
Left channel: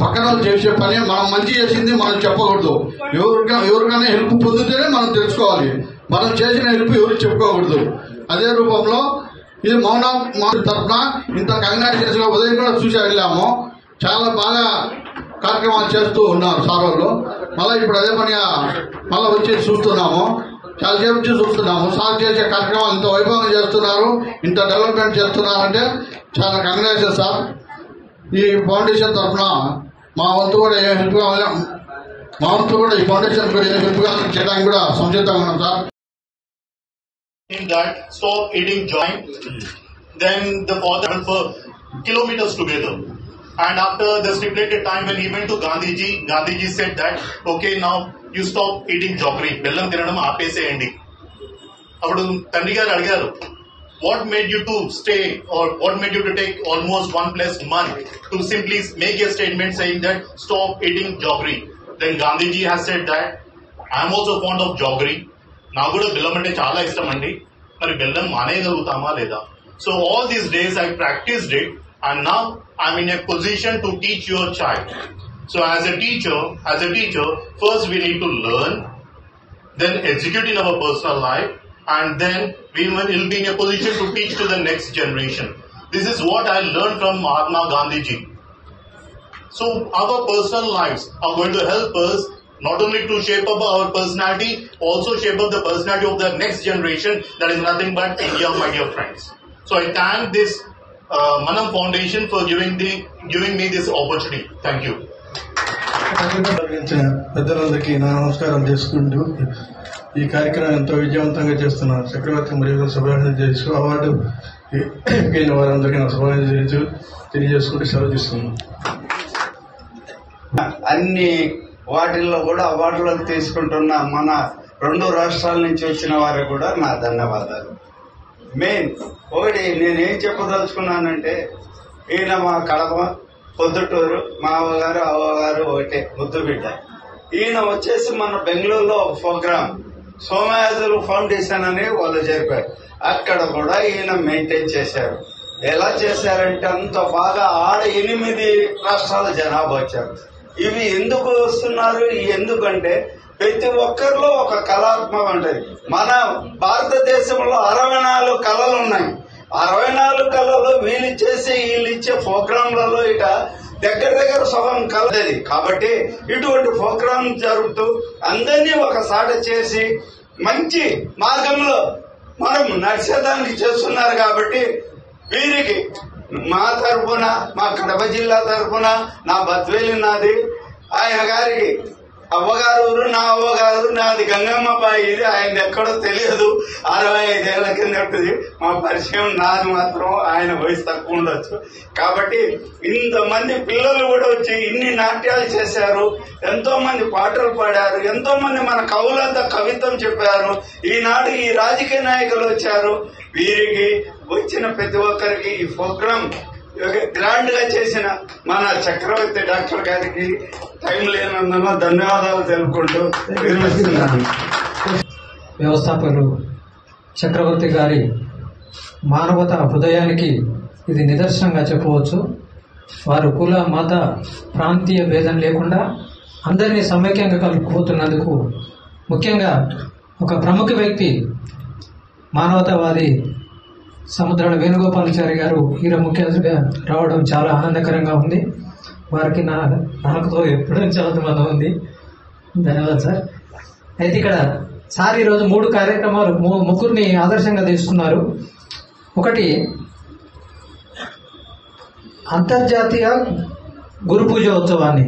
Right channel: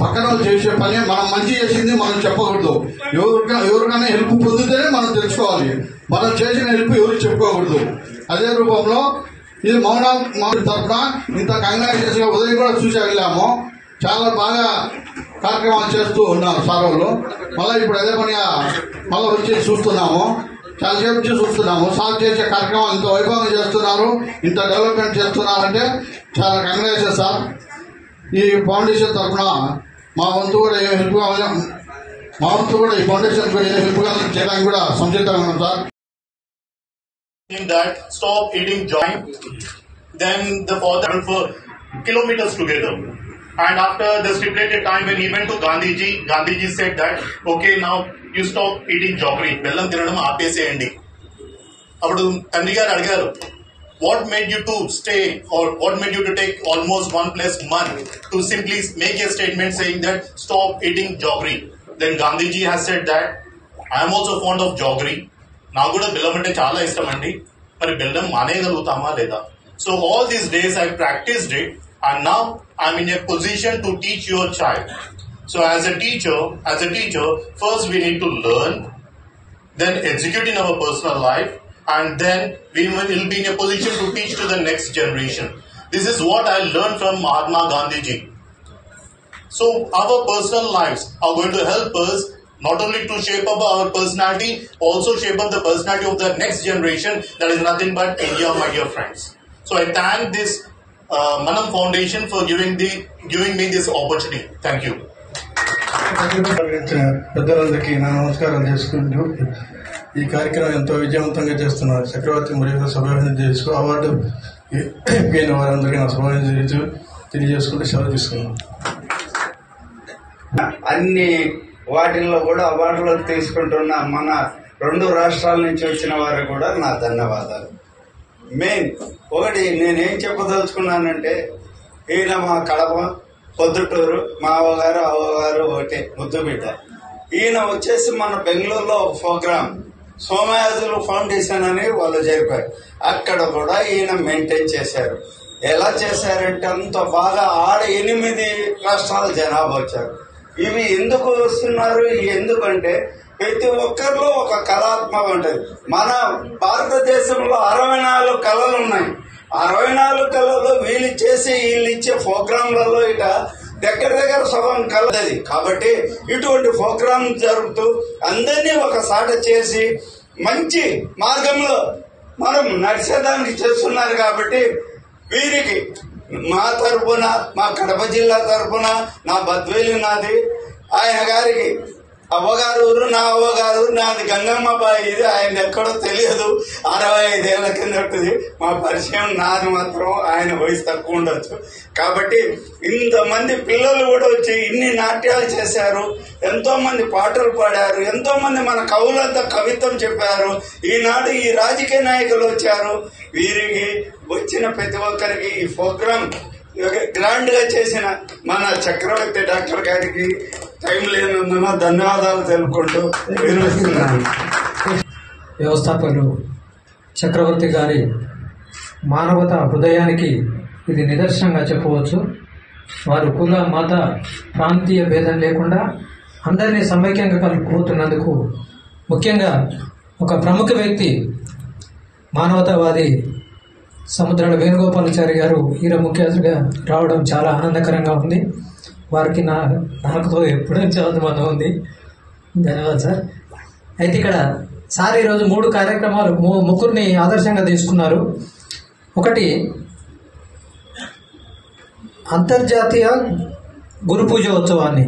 పక్కన చేసే పని మనం మంచి చేసింది మనం చెప్పకూడదు. ఎవరికైనా హెల్ప్ పొందితేనే మనం తెలుసుకోవాలి. మనం చేసిన హెల్ప్ ఎవరు చెప్పుకోకూడదు. అదే రూపంలో ఇది మౌనం తరఫున ఇంత కంగారు చేసిన ఉదయం కూడా చూసి వెళ్ళాము. చాలా బాగా కార్యక్రమాలు చేస్తూ ఉన్నారు సార్ వాళ్ళు. మళ్ళీ ఇప్పుడు అదే పనిగా మళ్ళీ వచ్చి చూస్తున్నాము. చాలా సేపు నుంచి చూస్తున్నాము. సార్ చేసే కార్యక్రమాలు ఇంత వైభవం చేస్తున్నారు, ఇంత డెవలప్మెంట్ చేస్తున్నారంటే చాలా కంగ్రాచులేషన్ సార్. ఈ ఫౌండేషన్ తరఫున మా వంతు కూడా ఏ హెల్ప్ కావాలి, మా వంతు కూడా ఈ ఫౌండేషన్ కూడా ఏ హెల్ప్ కావాలని చేయడానికి కూడా సంసిద్ధంగా ఉన్నాం sir. That stop eating joint, then the father for kilometers together. And after the stipulated time when he went to Gandhiji said that, okay, now you stop eating jaggery. Bellam తినడం ఆపేసేయండి. అప్పుడు తండ్రి గారు అడిగారు, what made you to stay or what made you to take almost 1+ month to simply make a statement saying that stop eating jaggery? Then Gandhiji has said that I am also fond of jaggery. నాకు కూడా బెల్లం అంటే చాలా ఇష్టం అండి. మరి బెల్లం మానేయగలుగుతామా లేదా? So all these days I practiced it and now I'm in a position to teach your child. So as a teacher, first we need to learn, then execute in our personal life, and then we will be in a position to teach to the next generation. This is what I learned from Mahatma Gandhiji. So our personal lives are going to help us not only to shape up our personality, also shape up the personality of the next generation. That is nothing but India, my dear friends. So I thank this Manam Foundation for giving me this opportunity. Thank you. పెద్దలందరికీ నా నమస్కారం చేసుకుంటూ ఈ కార్యక్రమం ఎంతో విజయవంతంగా చేస్తున్నారు. చక్రవర్తి మరియు శుభాకాంక్షలు చేస్తూ అవార్డు గెలిన వారందరికీ నా శుభాకాంక్షలు తెలియజేసుకుంటూ సెలవు తీసుకున్నాను. అన్ని వాటిల్లో కూడా అవార్డులు తీసుకుంటున్న మన 2 రాష్ట్రాల నుంచి వచ్చిన వారికి కూడా నా ధన్యవాదాలు. మెయిన్ ఒకటి నేనేం చెప్పదలుచుకున్నానంటే, ఈయన మా కడప పొద్దుటూరు, మా అవ్వగారు అవ్వగారు ఒకటే ముద్దు బిడ్డ. ఈయన వచ్చేసి మన బెంగళూరులో ప్రోగ్రామ్ సోమయాజులు ఫౌండేషన్ అని వాళ్ళు జరిపారు. అక్కడ కూడా ఈయన మెయింటైన్ చేశారు. ఎలా చేశారంటే అంత బాగా 8 రాష్ట్రాల జనాభా వచ్చారు. ఇవి ఎందుకు వస్తున్నారు? ఎందుకంటే ప్రతి ఒక్కరిలో ఒక కళాత్మక ఉంటుంది. మన భారతదేశంలో 64 కళలు ఉన్నాయి. 64 కళలు వీళ్ళు ఇచ్చే ప్రోగ్రాంలలో ఇక దగ్గర సగం కలది. కాబట్టి ఇటువంటి ప్రోగ్రాం జరుగుతూ అందరినీ ఒకసాట చేసి మంచి మార్గంలో మనం నడిచేదానికి చేస్తున్నారు. కాబట్టి వీరికి మా తరఫున, మా కడప జిల్లా తరఫున, నా బద్వేలు నాది, ఆయన గారికి అవ్వగారు ఊరు, నా అవ్వగారు నాది గంగమ్మబాయి. ఇది ఆయన ఎక్కడో తెలియదు. 65 ఏళ్ల కిందటిది మా పరిచయం. నాది మాత్రం ఆయన వయసు తక్కువ ఉండొచ్చు. కాబట్టి ఇంతమంది పిల్లలు కూడా వచ్చి ఇన్ని నాట్యాలు చేశారు, ఎంతో మంది పాటలు పాడారు, ఎంతో మంది మన కవులంతా కవిత్వం చెప్పారు. ఈనాడు ఈ రాజకీయ నాయకులు వచ్చారు. వీరికి వచ్చిన ప్రతి ఒక్కరికి ఈ ప్రోగ్రాం గ్రాండ్ గా చేసిన మన చక్రవర్తి డాక్టర్ గారికి టైం లేనందున ధన్యవాదాలు తెలుపుకుంటూ నిర్వహిస్తున్నాను. వ్యవస్థాపకులు చక్రవర్తి గారి మానవత హృదయానికి ఇది నిదర్శనంగా చెప్పవచ్చు. వారు కుల, మత, ప్రాంతీయ భేదం లేకుండా అందరినీ సమైక్యంగా కలుపుకుపోతున్నందుకు, ముఖ్యంగా ఒక ప్రముఖ వ్యక్తి మానవతావాది సముద్రాల వేణుగోపాలాచారి గారు ఈరోజు ముఖ్య అతిథిగా రావడం చాలా ఆనందకరంగా ఉంది. వారికి నాకుతో ఎప్పుడూ చాలా సంబంధం ఉంది. ధన్యవాదాలు సార్. అయితే ఇక్కడ సార్ ఈరోజు 3 కార్యక్రమాలు, ముగ్గురిని ఆదర్శంగా తీసుకున్నారు. ఒకటి అంతర్జాతీయ గురు పూజ ఉత్సవాన్ని,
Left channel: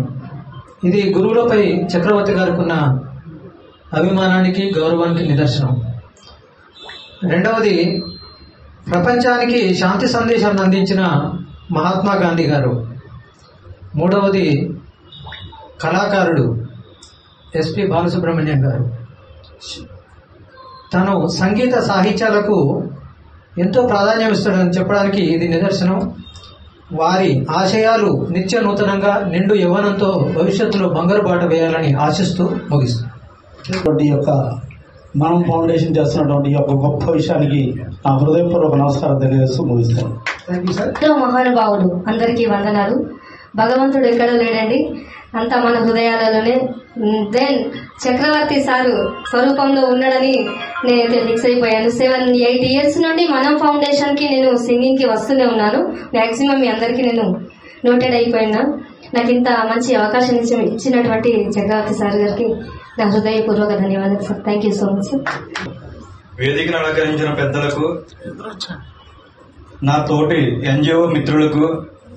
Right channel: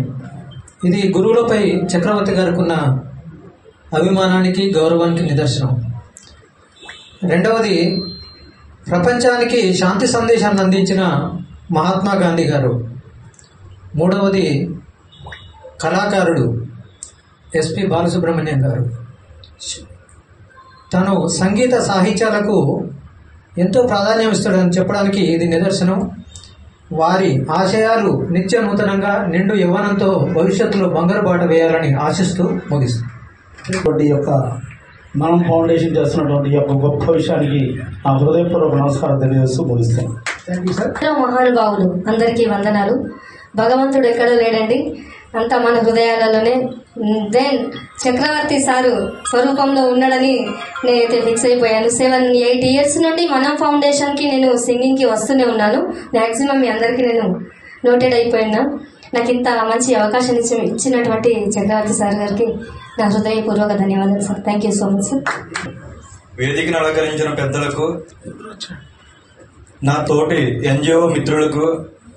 ఇది గురువులపై చక్రవర్తి గారికి ఉన్న అభిమానానికి, గౌరవానికి నిదర్శనం. రెండవది ప్రపంచానికి శాంతి సందేశాన్ని అందించిన మహాత్మా గాంధీ గారు. మూడవది కళాకారుడు ఎస్పి బాలసుబ్రహ్మణ్యం గారు. తను సంగీత సాహిత్యాలకు ఎంతో ప్రాధాన్యం ఇస్తాడని చెప్పడానికి ఇది నిదర్శనం. వారి ఆశయాలు నిత్య నూతనంగా నిండు యవ్వనంతో భవిష్యత్తులో బంగారు బాట వేయాలని ఆశిస్తూ ముగిస్తాను. ఈ యొక్క మనం ఫౌండేషన్ చేస్తున్నటువంటి ఈ యొక్క గొప్ప విషయానికి నా హృదయపూర్వక నమస్కారం తెలియజేస్తూ ముగిస్తాను. మహానుభావులు అందరికీ వందనాలు. భగవంతుడు ఎక్కడ లేడండి, అంతా మన హృదయాలలోనే. దెన్ చక్రవర్తి సారు స్వరూపంలో ఉన్నాడని నేనైతే ఫిక్స్ అయిపోయాను. 7-8 years నుండి మనం ఫౌండేషన్కి నేను సింగింగ్కి వస్తూనే ఉన్నాను. మ్యాక్సిమం మీ అందరికీ నేను నోటెడ్ అయిపోయినా. నాకు ఇంత మంచి అవకాశం ఇచ్చినటువంటి చక్రవర్తి సార్ గారికి నా హృదయపూర్వక ధన్యవాదాలు sir. Thank you so much sir. వేదికను అలంకరించిన పెద్దలకు, నా తోటి ఎన్జిఓ మిత్రులకు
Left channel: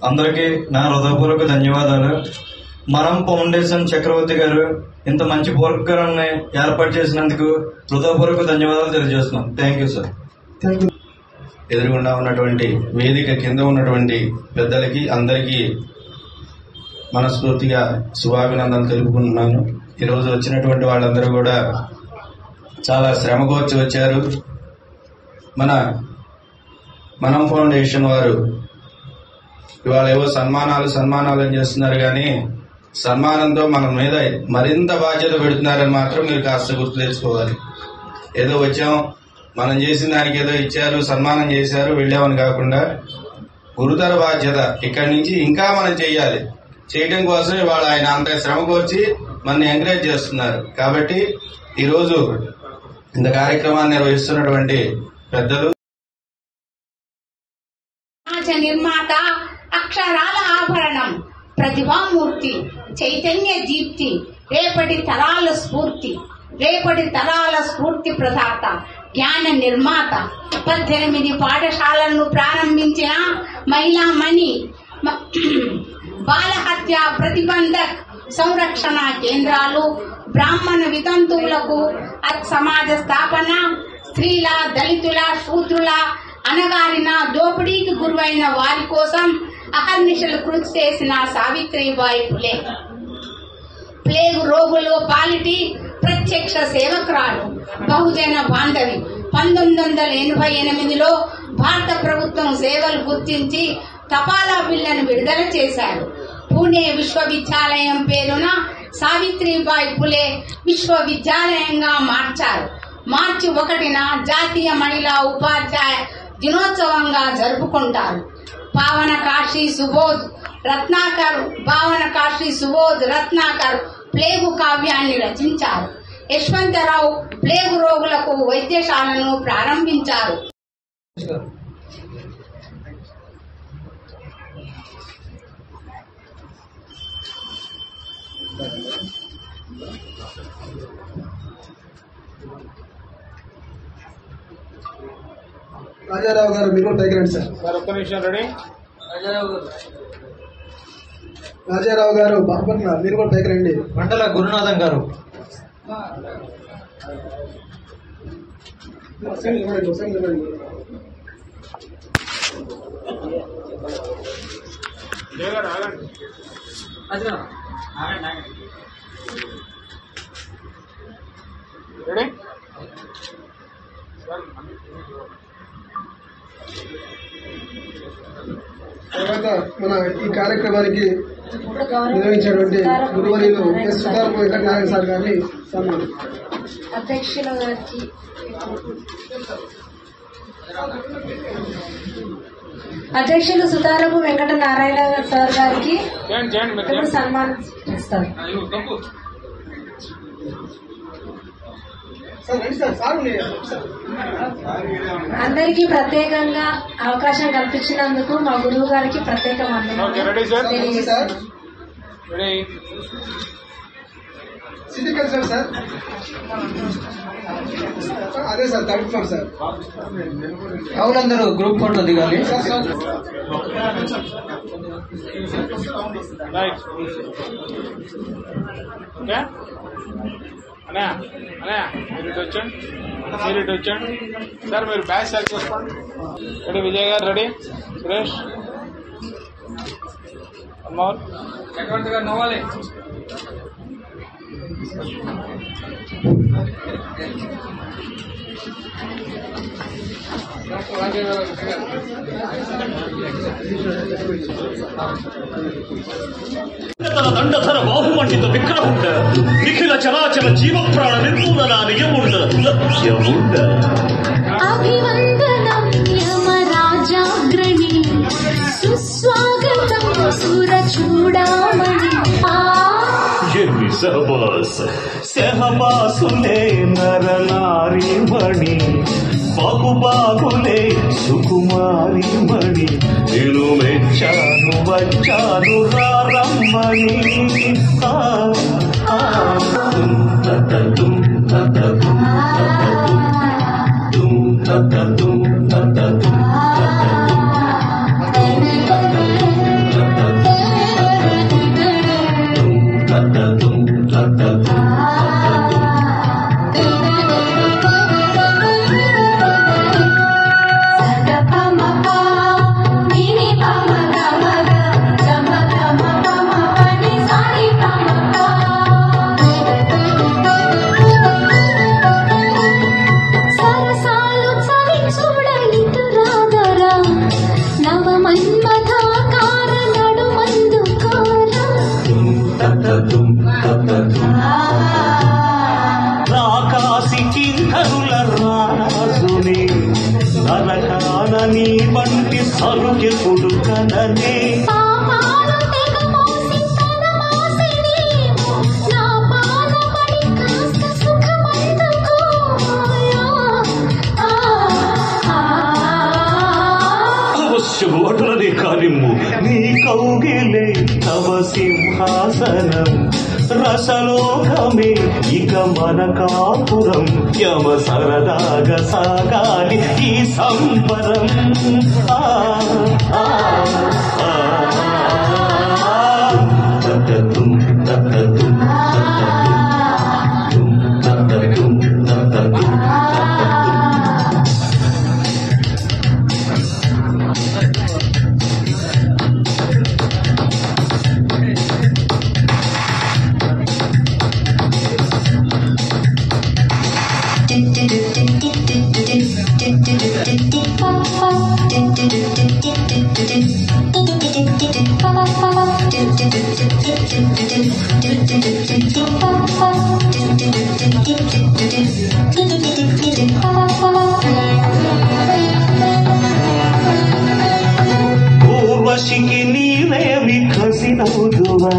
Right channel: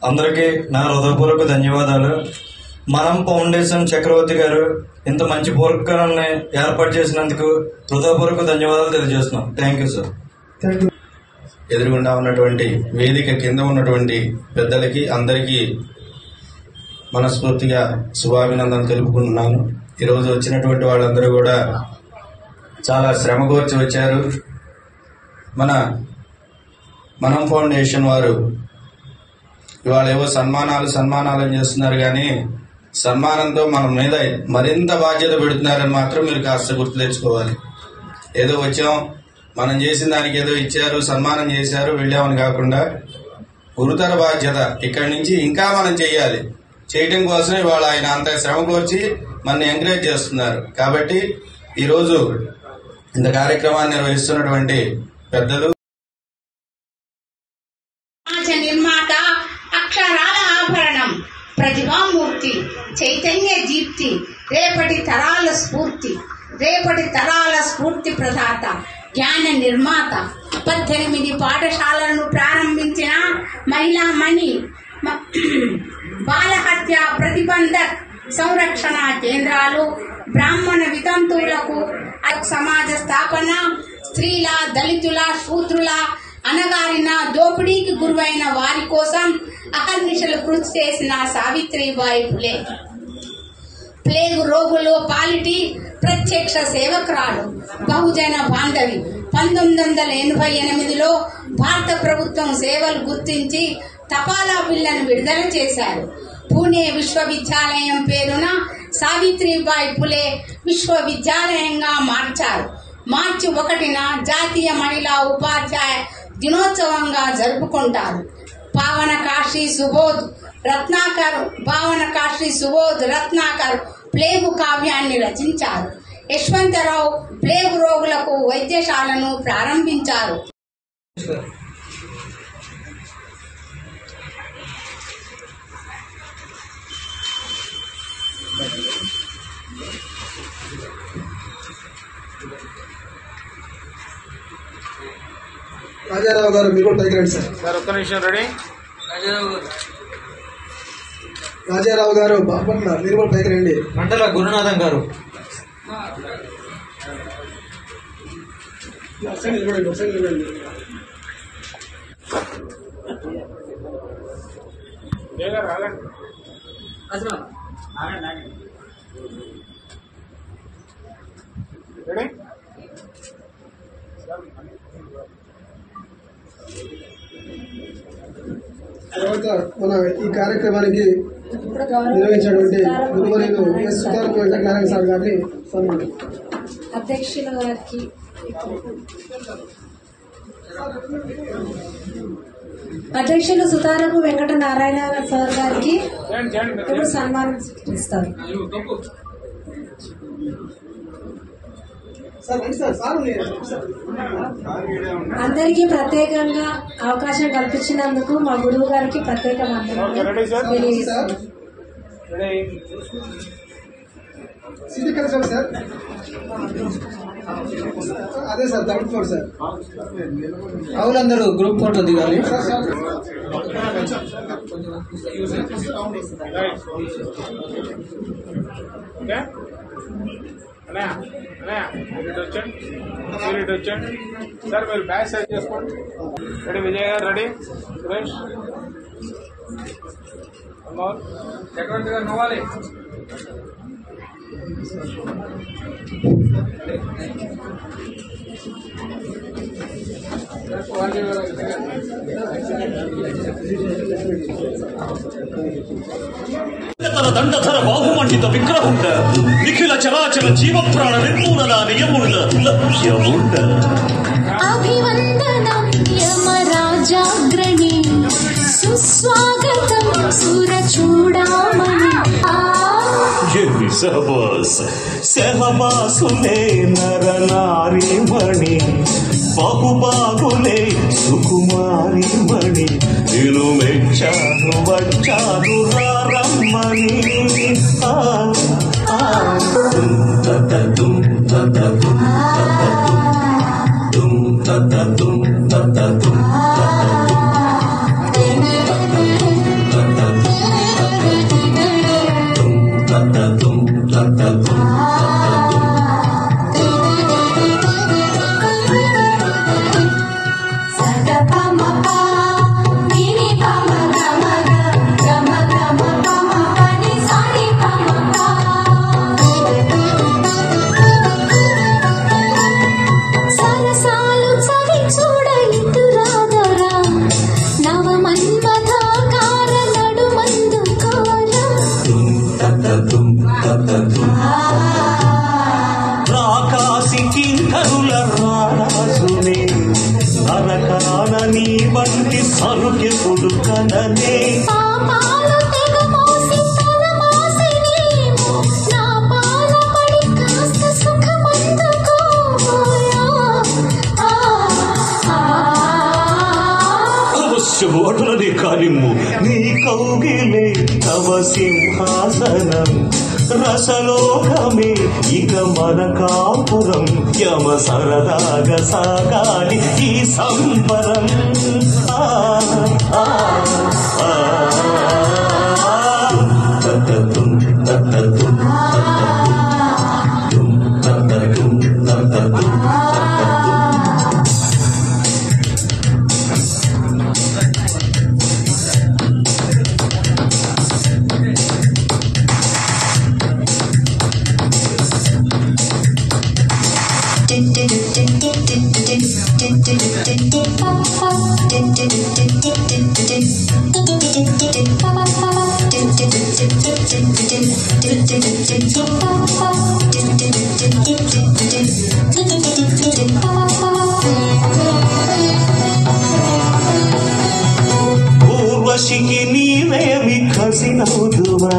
అందరికీ నా హృదయపూర్వక ధన్యవాదాలు. మనం ఫౌండేషన్ చక్రవర్తి గారు ఇంత మంచి ప్రోగ్రాన్ని ఏర్పాటు చేసినందుకు హృదయపూర్వక ధన్యవాదాలు తెలియజేస్తున్నాం. Thank you sir. ఎదురుగుండా ఉన్నటువంటి వేదిక కింద ఉన్నటువంటి పెద్దలకి అందరికీ మనస్ఫూర్తిగా శుభాభినందనలు తెలుపుకుంటున్నాను. ఈరోజు వచ్చినటువంటి వాళ్ళందరూ కూడా చాలా శ్రమగోర్చి వచ్చారు. మనం ఫౌండేషన్ వారు ఇవాళ ఏవో సన్మానాలు అని చేస్తున్నారు, కానీ సన్మానంతో మన మీద మరింత బాధ్యత పెడుతున్నారని మాత్రం మీరు కాస్త గుర్తు తెచ్చుకోవాలి. ఏదో వచ్చాం, మనం చేసిన దానికి ఏదో ఇచ్చారు, సన్మానం చేశారు, వెళ్ళామని కాకుండా గురుతర బాధ్యత ఇక్కడి నుంచి ఇంకా మనం చేయాలి. చేయటం కోసం ఇవాళ ఆయన అంత శ్రమ కోర్చి మన ఎంకరేజ్ చేస్తున్నారు. కాబట్టి ఈరోజు ఇంత కార్యక్రమాన్ని నిర్వహిస్తున్నటువంటి పెద్దలు, నిర్మాత, అక్షరాల ఆభరణం, ప్రతిభామూర్తి, చైతన్య దీప్తి, రేపటి తరాల స్ఫూర్తి ప్రదాత, జ్ఞాన నిర్మాత, 18 పాఠశాలను ప్రారంభించిన మహిళామణి, బాలహత్య ప్రతిబంధక్ సంరక్షణ కేంద్రాలు, బ్రాహ్మణ వితంతువులకు సమాజ స్థాపన, స్త్రీల, దళితుల, శూద్రుల, అనగారిన, దోపిడీకి గురైన వారి కోసం అహర్నిశలు కృషి చేసిన సావిత్రిబాయి ఫులే. ప్లేగు రోగులు పాలిటి ప్రత్యక్ష సేవకురాలు, బహుజన బాంధవి. 1988లో భారత ప్రభుత్వం సేవలు గుర్తించి తపాలా బిల్లును విడుదల చేశారు. పూణే విశ్వవిద్యాలయం పేరున సావిత్రిబాయి ఫులే విశ్వవిద్యాలయంగా మార్చారు. మార్చి 1న జాతీయ మహిళా ఉపాధ్యాయ దినోత్సవంగా జరుపుకుంటారు. భావన కాశీ సుబోధ్ రత్నాకర్ ప్లేగు కావ్యాన్ని రచించారు. యశ్వంతరావు ప్లేగు రోగులకు వైద్యశాలను ప్రారంభించారు. రాజారావు గారు మీరు కూడా పైకి రండి సార్. ఒక్క నిమిషం. రెడీ? రాజారావు గారు బాపట్ల, మీరు కూడా పైకి రండి. మండల గురునాథం గారు. రెడీ? తర్వాత మన ఈ కార్యక్రమానికి నిర్వహించినటువంటి గురువర్యులు ఎస్ సుతారపు వెంకటనారాయణ సార్ గారిని సన్మానం. అధ్యక్షుల గారికి అధ్యక్షులు సుతారపు వెంకటనారాయణ సార్ గారికి సన్మానం ఇస్తారు. అందరికీ ప్రత్యేకంగా అవకాశం కల్పించినందుకు మా గురువు గారికి ప్రత్యేక సార్. అదే సార్, 3rd floor సార్. అవునందరూ గ్రూప్ ఫోటో దిగాలి. మీరు ఇటు వచ్చండి సార్. మీరు బ్యాచ్ సెలెక్ట్ చేసుకోండి. రెడీ? విజయ్ గారు రెడీ? సురేష్ అమ్మవారు చక్రవర్తి గారు నవ్వాలి. దండధర బాహుమండిత విగ్రహుండ నిఖిల చరాచర జీవప్రాణ నిర్మూలన నియముండ లక్ష్యముండ అభివందనం యమరాజాగ్రణి సుస్వాగతం సురచూడామణి ఎన్ని సహవాసులే నరనారి మణి బాబులే సుకుమారి మణి నేను మెచ్చాను వచ్చాను రమ్మణి సరసాలు చవి చూడలితురాదరా నవమన్మథాకార నడుమందుకార ఆకాశి కింకరుల రాసునే నరకానని వంటి సరుకి కొడుకననే పాపాలు తెగమోసి తనమోసిని నా పాదపడి కాస్త సుఖమందుకోయా అవశ్యమోటని కానిమ్ము నీ కౌగిలే తవ సింహాసనం రసలోకమే ఇక మన కాపురం యమ సరదాగా సాగాలి ఈ సంబరం ఊర్వశికి నీవేమి కసినవుదువా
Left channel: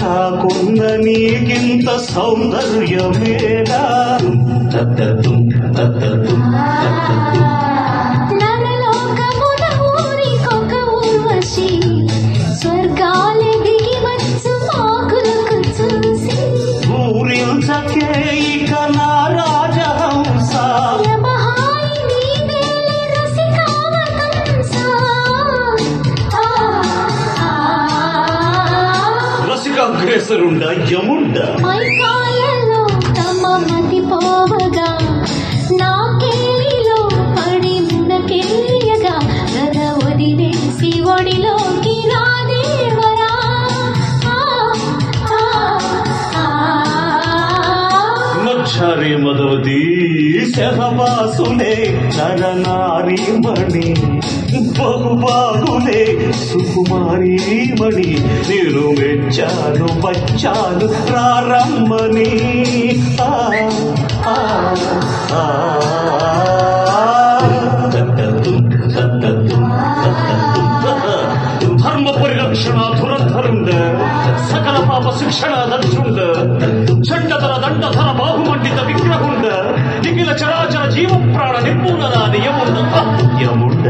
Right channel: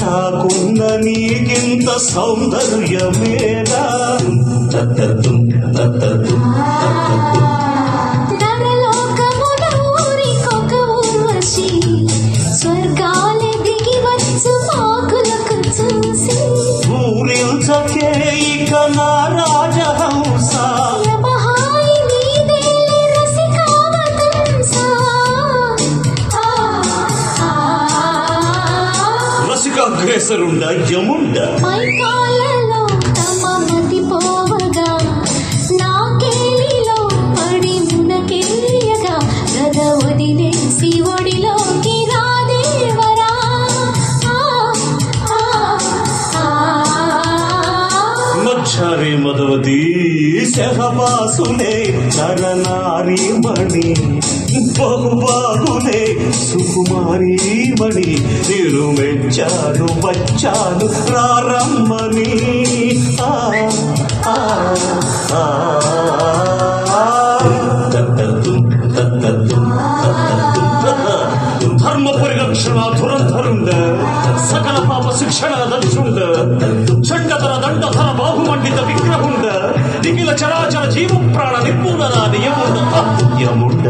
కాకున్న నీకింత సౌందర్యమేనా నరలోకమున ఊరికొక ఊర్వశి స్వర్గాల దిగి వచ్చు మాకులకు చూసి పూరించకే ఇక నా రాజహంస నమహాయి నీదేలే రసికావతంస రసికాగ్రేసరుండ యముండ మైకాయలో తమ మతి పోవగా నాకేలిలో పడి మునకెళ్ళగా నద వదిలేసి ఒడిలోకి రాదేవరా మచ్చరి మొదలది శవవాసులే నరనారి మణి బహుబాహులే సుకుమారి మణి నేను మెచ్చాను వచ్చాను ప్రారంభని ధర్మ పరిరక్షణ దురధరుండ సకల పాప శిక్షణ దక్షుండ చండతల దండధర బాహుమండిత విగ్రహుండ నిఖిల చరాచర జీవ ప్రాణ నిర్మూలన యముండ